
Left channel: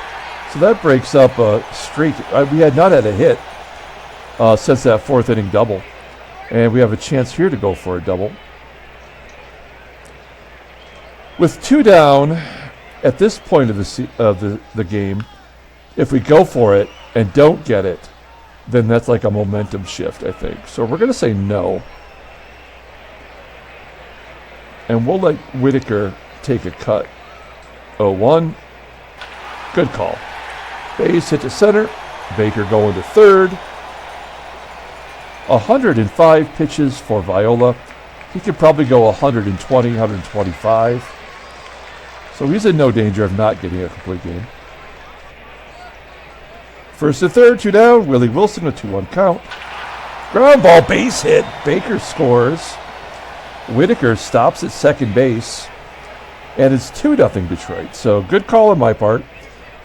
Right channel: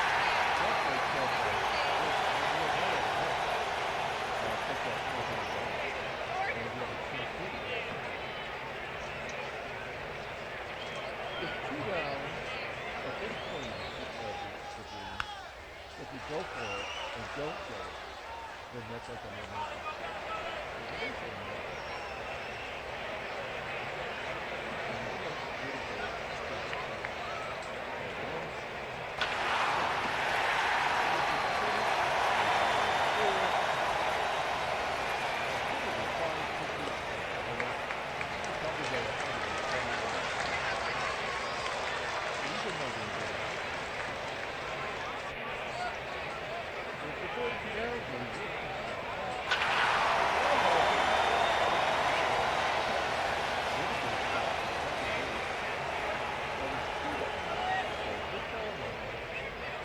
So that breaks up a streak. We had not had a hit since that 4th inning double. And we have a chance here to go for a double. With 2 down at this point of the game, if we go for it, and don't get it, then that's like a momentum shift, I think. So we're going to say no. And we'll let Whitaker take a cut. 0-1. Good call. Base hit to center. Baker going to third. 105 pitches for Viola. He could probably go 120, 125. So he's in no danger of not getting a complete game. First and third, 2 down. Willie Wilson, a 2-1 count. Ground ball, base hit. Baker scores. Whitaker stops at second base. And it's 2-0 Detroit. So good call on my part.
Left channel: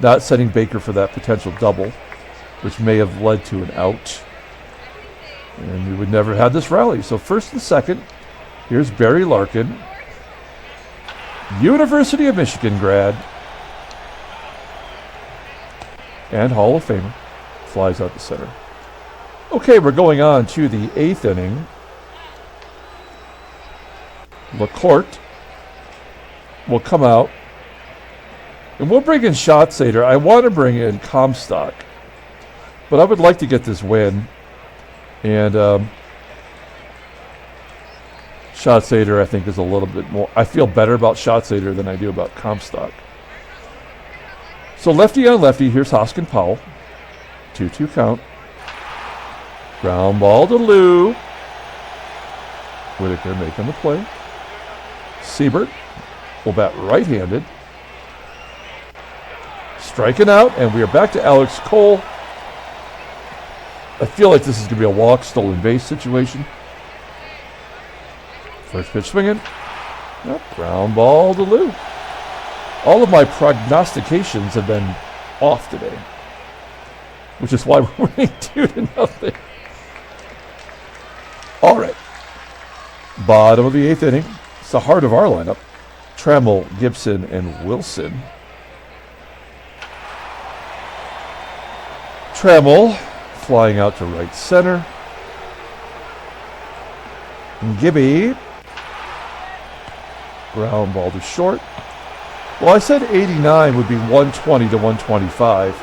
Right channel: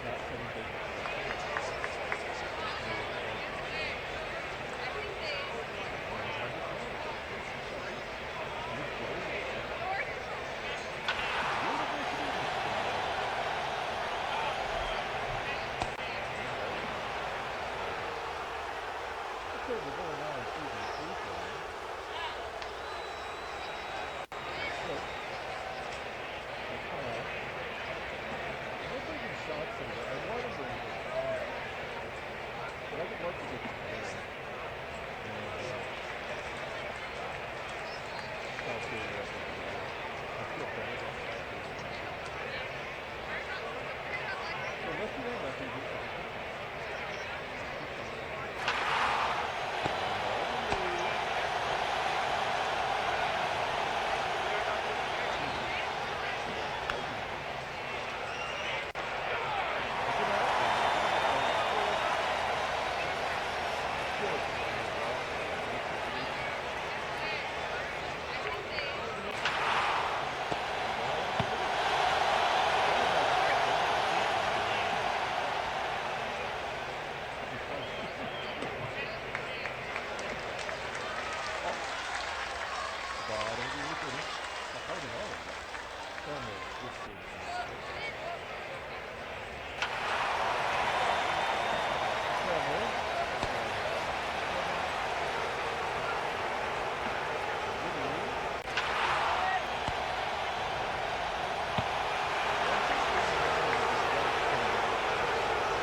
Not setting Baker for that potential double, which may have led to an out. And we would never have this rally. So first and second, here's Barry Larkin. University of Michigan grad. And Hall of Fame. Flies out to center. Okay, we're going on to the 8th inning. LaCourte will come out. And we'll bring in Schatzeder. I want to bring in Comstock. But I would like to get this win. And Schatzeder, I think, is a little bit more. I feel better about Schatzeder than I do about Comstock. So lefty on lefty, here's Hoskin Powell. 2-2 count. Ground ball to Lou. Whitaker making the play. Siebert will bat right-handed. Striking out, and we are back to Alex Cole. I feel like this is going to be a walk, stolen base situation. First pitch swinging. Ground ball to Lou. All of my prognostications have been off today, which is why we're winning 2-0. All right. Bottom of the 8th inning. It's the heart of our lineup. Trammell, Gibson, and Wilson. Trammell flying out to right center. Gibby. Ground ball to short. Well, I said 89 would be 120 to 125.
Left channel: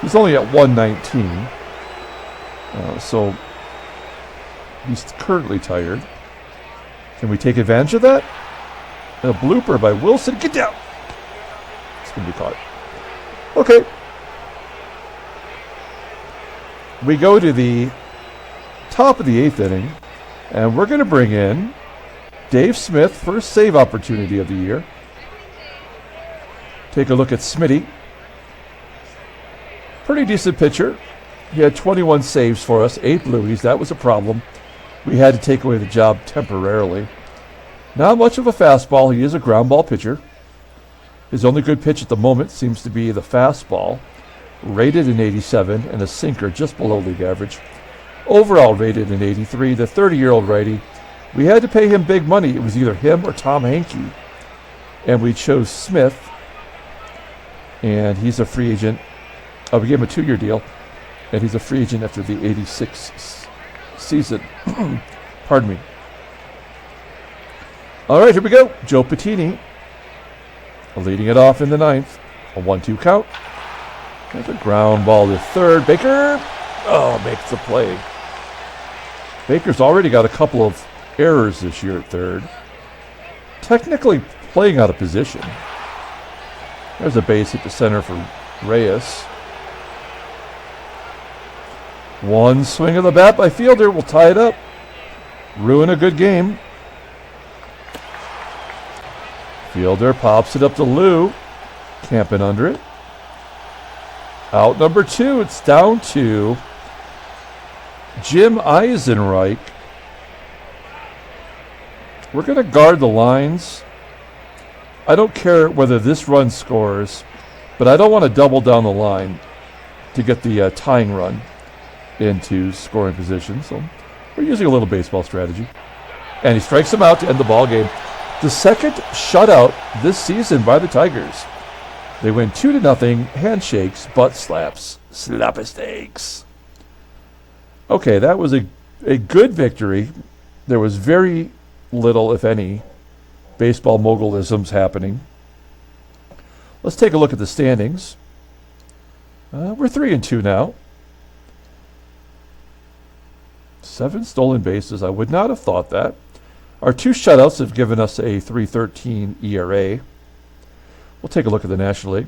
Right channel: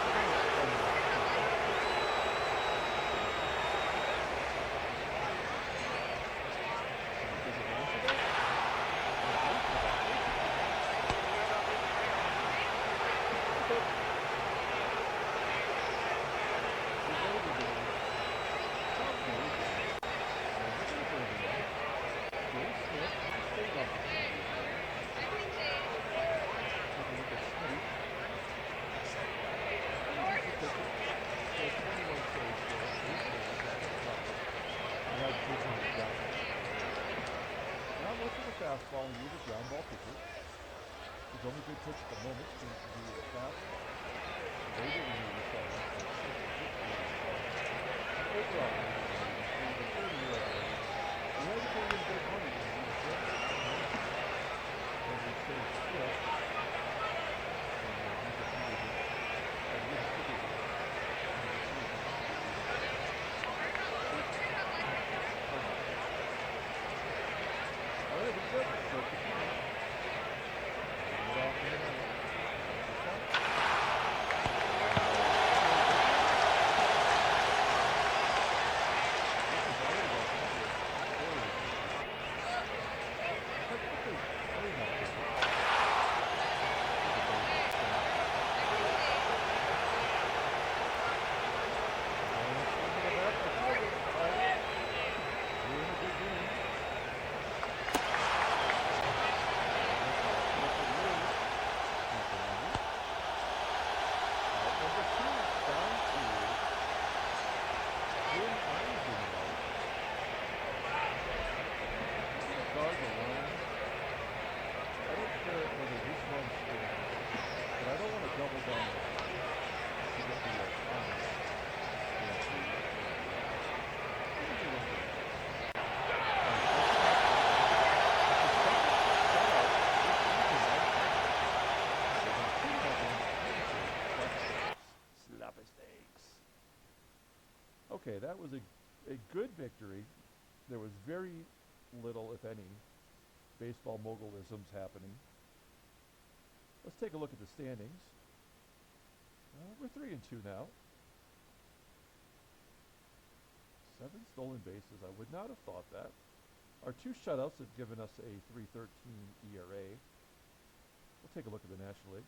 He's only at 119. So he's currently tired. Can we take advantage of that? A blooper by Wilson. Get down. It's going to be caught. Okay. We go to the top of the 8th inning, and we're going to bring in Dave Smith, first save opportunity of the year. Take a look at Smitty. Pretty decent pitcher. He had 21 saves for us, 8 blueies. That was a problem. We had to take away the job temporarily. Not much of a fastball. He is a ground ball pitcher. His only good pitch at the moment seems to be the fastball. Rated in 87 and a sinker just below league average. Overall rated in 83. The 30-year-old righty. We had to pay him big money. It was either him or Tom Hankey. And we chose Smith. And he's a free agent. We gave him a 2-year deal. And he's a free agent after the 86 season. Pardon me. All right, here we go. Joe Patini leading it off in the 9th. A 1-2 count. There's a ground ball to third. Baker, makes the play. Baker's already got a couple of errors this year at third. Technically playing out of position. There's a base hit to center for Reyes. One swing of the bat by Fielder will tie it up. Ruin a good game. Fielder pops it up to Lou. Camping under it. Out number 2. It's down to Jim Eisenreich. We're going to guard the lines. I don't care whether this run scores, but I don't want to double down the line to get the tying run into scoring position. So we're using a little baseball strategy. And he strikes him out to end the ball game. The second shutout this season by the Tigers. They win 2-0, handshakes, butt slaps, slap-a-steaks. Okay, that was a good victory. There was very little, if any, baseball mogulisms happening. Let's take a look at the standings. We're 3-2 now. 7 stolen bases. I would not have thought that. Our 2 shutouts have given us a 3.13 ERA. We'll take a look at the National League.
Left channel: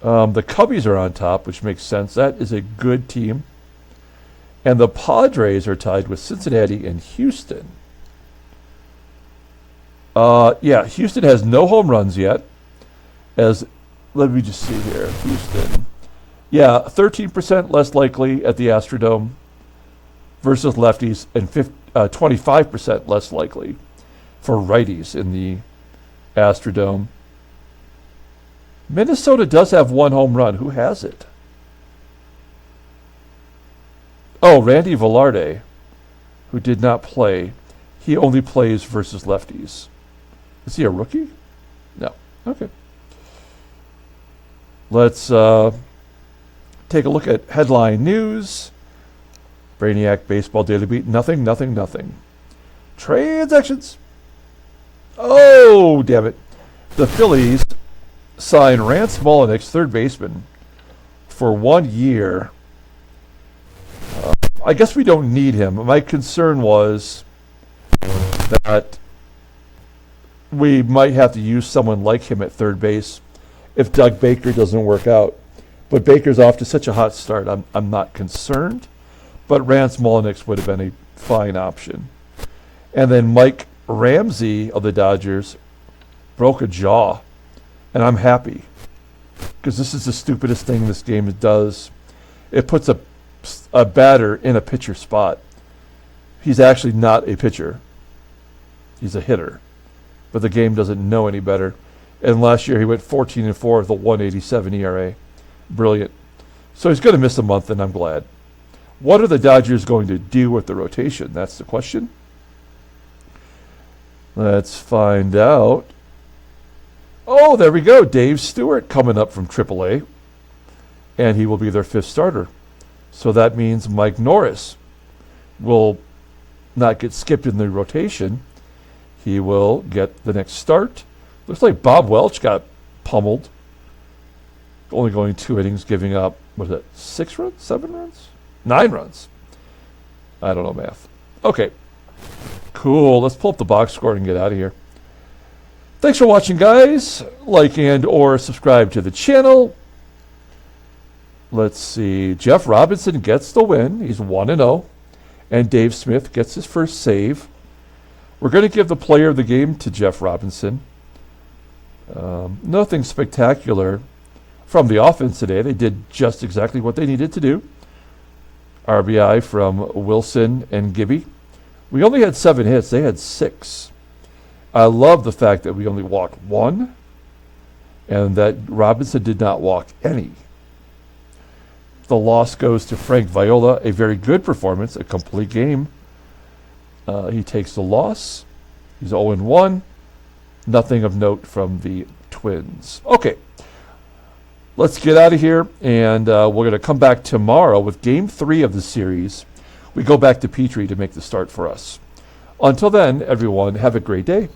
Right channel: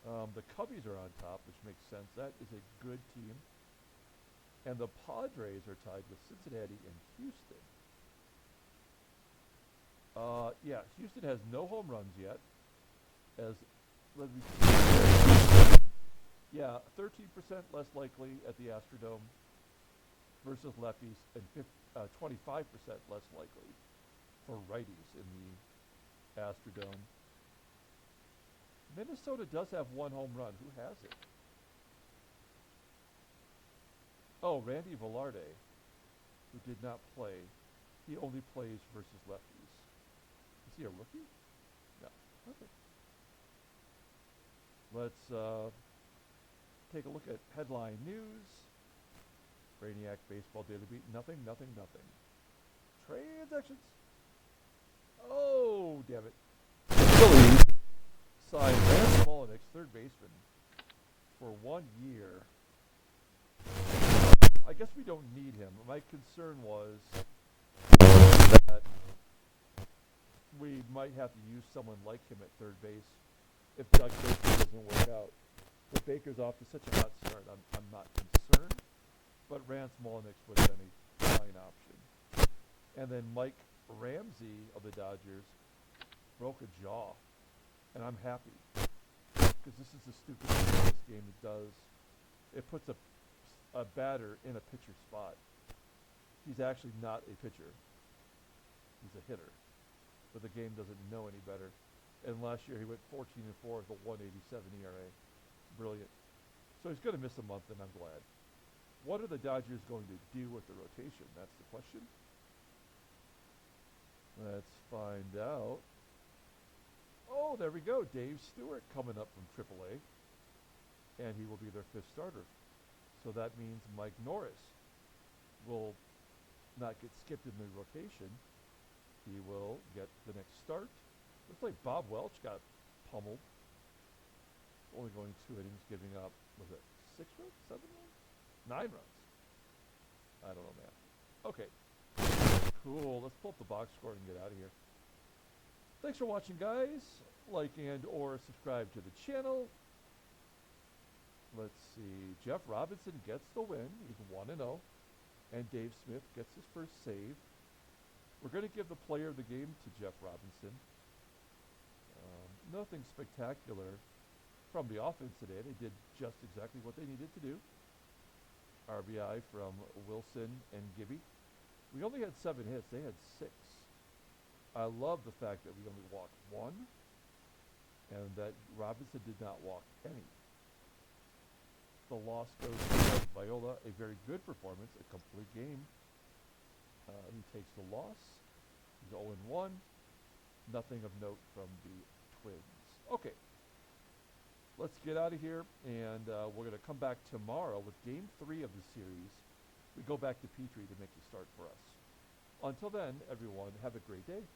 The Cubbies are on top, which makes sense. That is a good team. And the Padres are tied with Cincinnati and Houston. Yeah, Houston has no home runs yet. Let me just see here. Houston. Yeah, 13% less likely at the Astrodome versus lefties, and 25% less likely for righties in the Astrodome. Minnesota does have 1 home run. Who has it? Oh, Randy Velarde, who did not play. He only plays versus lefties. Is he a rookie? No. Okay. Let's take a look at headline news. Brainiac Baseball Daily Beat. Nothing. Transactions. Oh, damn it. The Phillies sign Rance Mulliniks, third baseman, for 1 year. I guess we don't need him. My concern was that we might have to use someone like him at third base if Doug Baker doesn't work out. But Baker's off to such a hot start, I'm not concerned. But Rance Mulliniks would have been a fine option. And then Mike Ramsey of the Dodgers broke a jaw. And I'm happy. Because this is the stupidest thing this game does. It puts a batter in a pitcher spot. He's actually not a pitcher. He's a hitter. But the game doesn't know any better. And last year he went 14-4 with a 1.87 ERA. Brilliant. So he's going to miss a month, and I'm glad. What are the Dodgers going to do with the rotation? That's the question. Let's find out. Oh, there we go. Dave Stewart coming up from AAA. And he will be their 5th starter. So that means Mike Norris will not get skipped in the rotation. He will get the next start. Looks like Bob Welch got pummeled. Only going 2 innings, giving up, what is it, 6 runs? 7 runs? 9 runs. I don't know math. Okay. Cool. Let's pull up the box score and get out of here. Thanks for watching, guys. Like and or subscribe to the channel. Let's see. Jeff Robinson gets the win. He's 1-0. And Dave Smith gets his first save. We're going to give the player of the game to Jeff Robinson. Nothing spectacular from the offense today. They did just exactly what they needed to do. RBI from Wilson and Gibby. We only had 7 hits. They had 6. I love the fact that we only walked 1 and that Robinson did not walk any. The loss goes to Frank Viola. A very good performance, a complete game. He takes the loss. He's 0-1. Nothing of note from the Twins. Okay. Let's get out of here, and we're going to come back tomorrow with Game 3 of the series. We go back to Petrie to make the start for us. Until then, everyone, have a great day.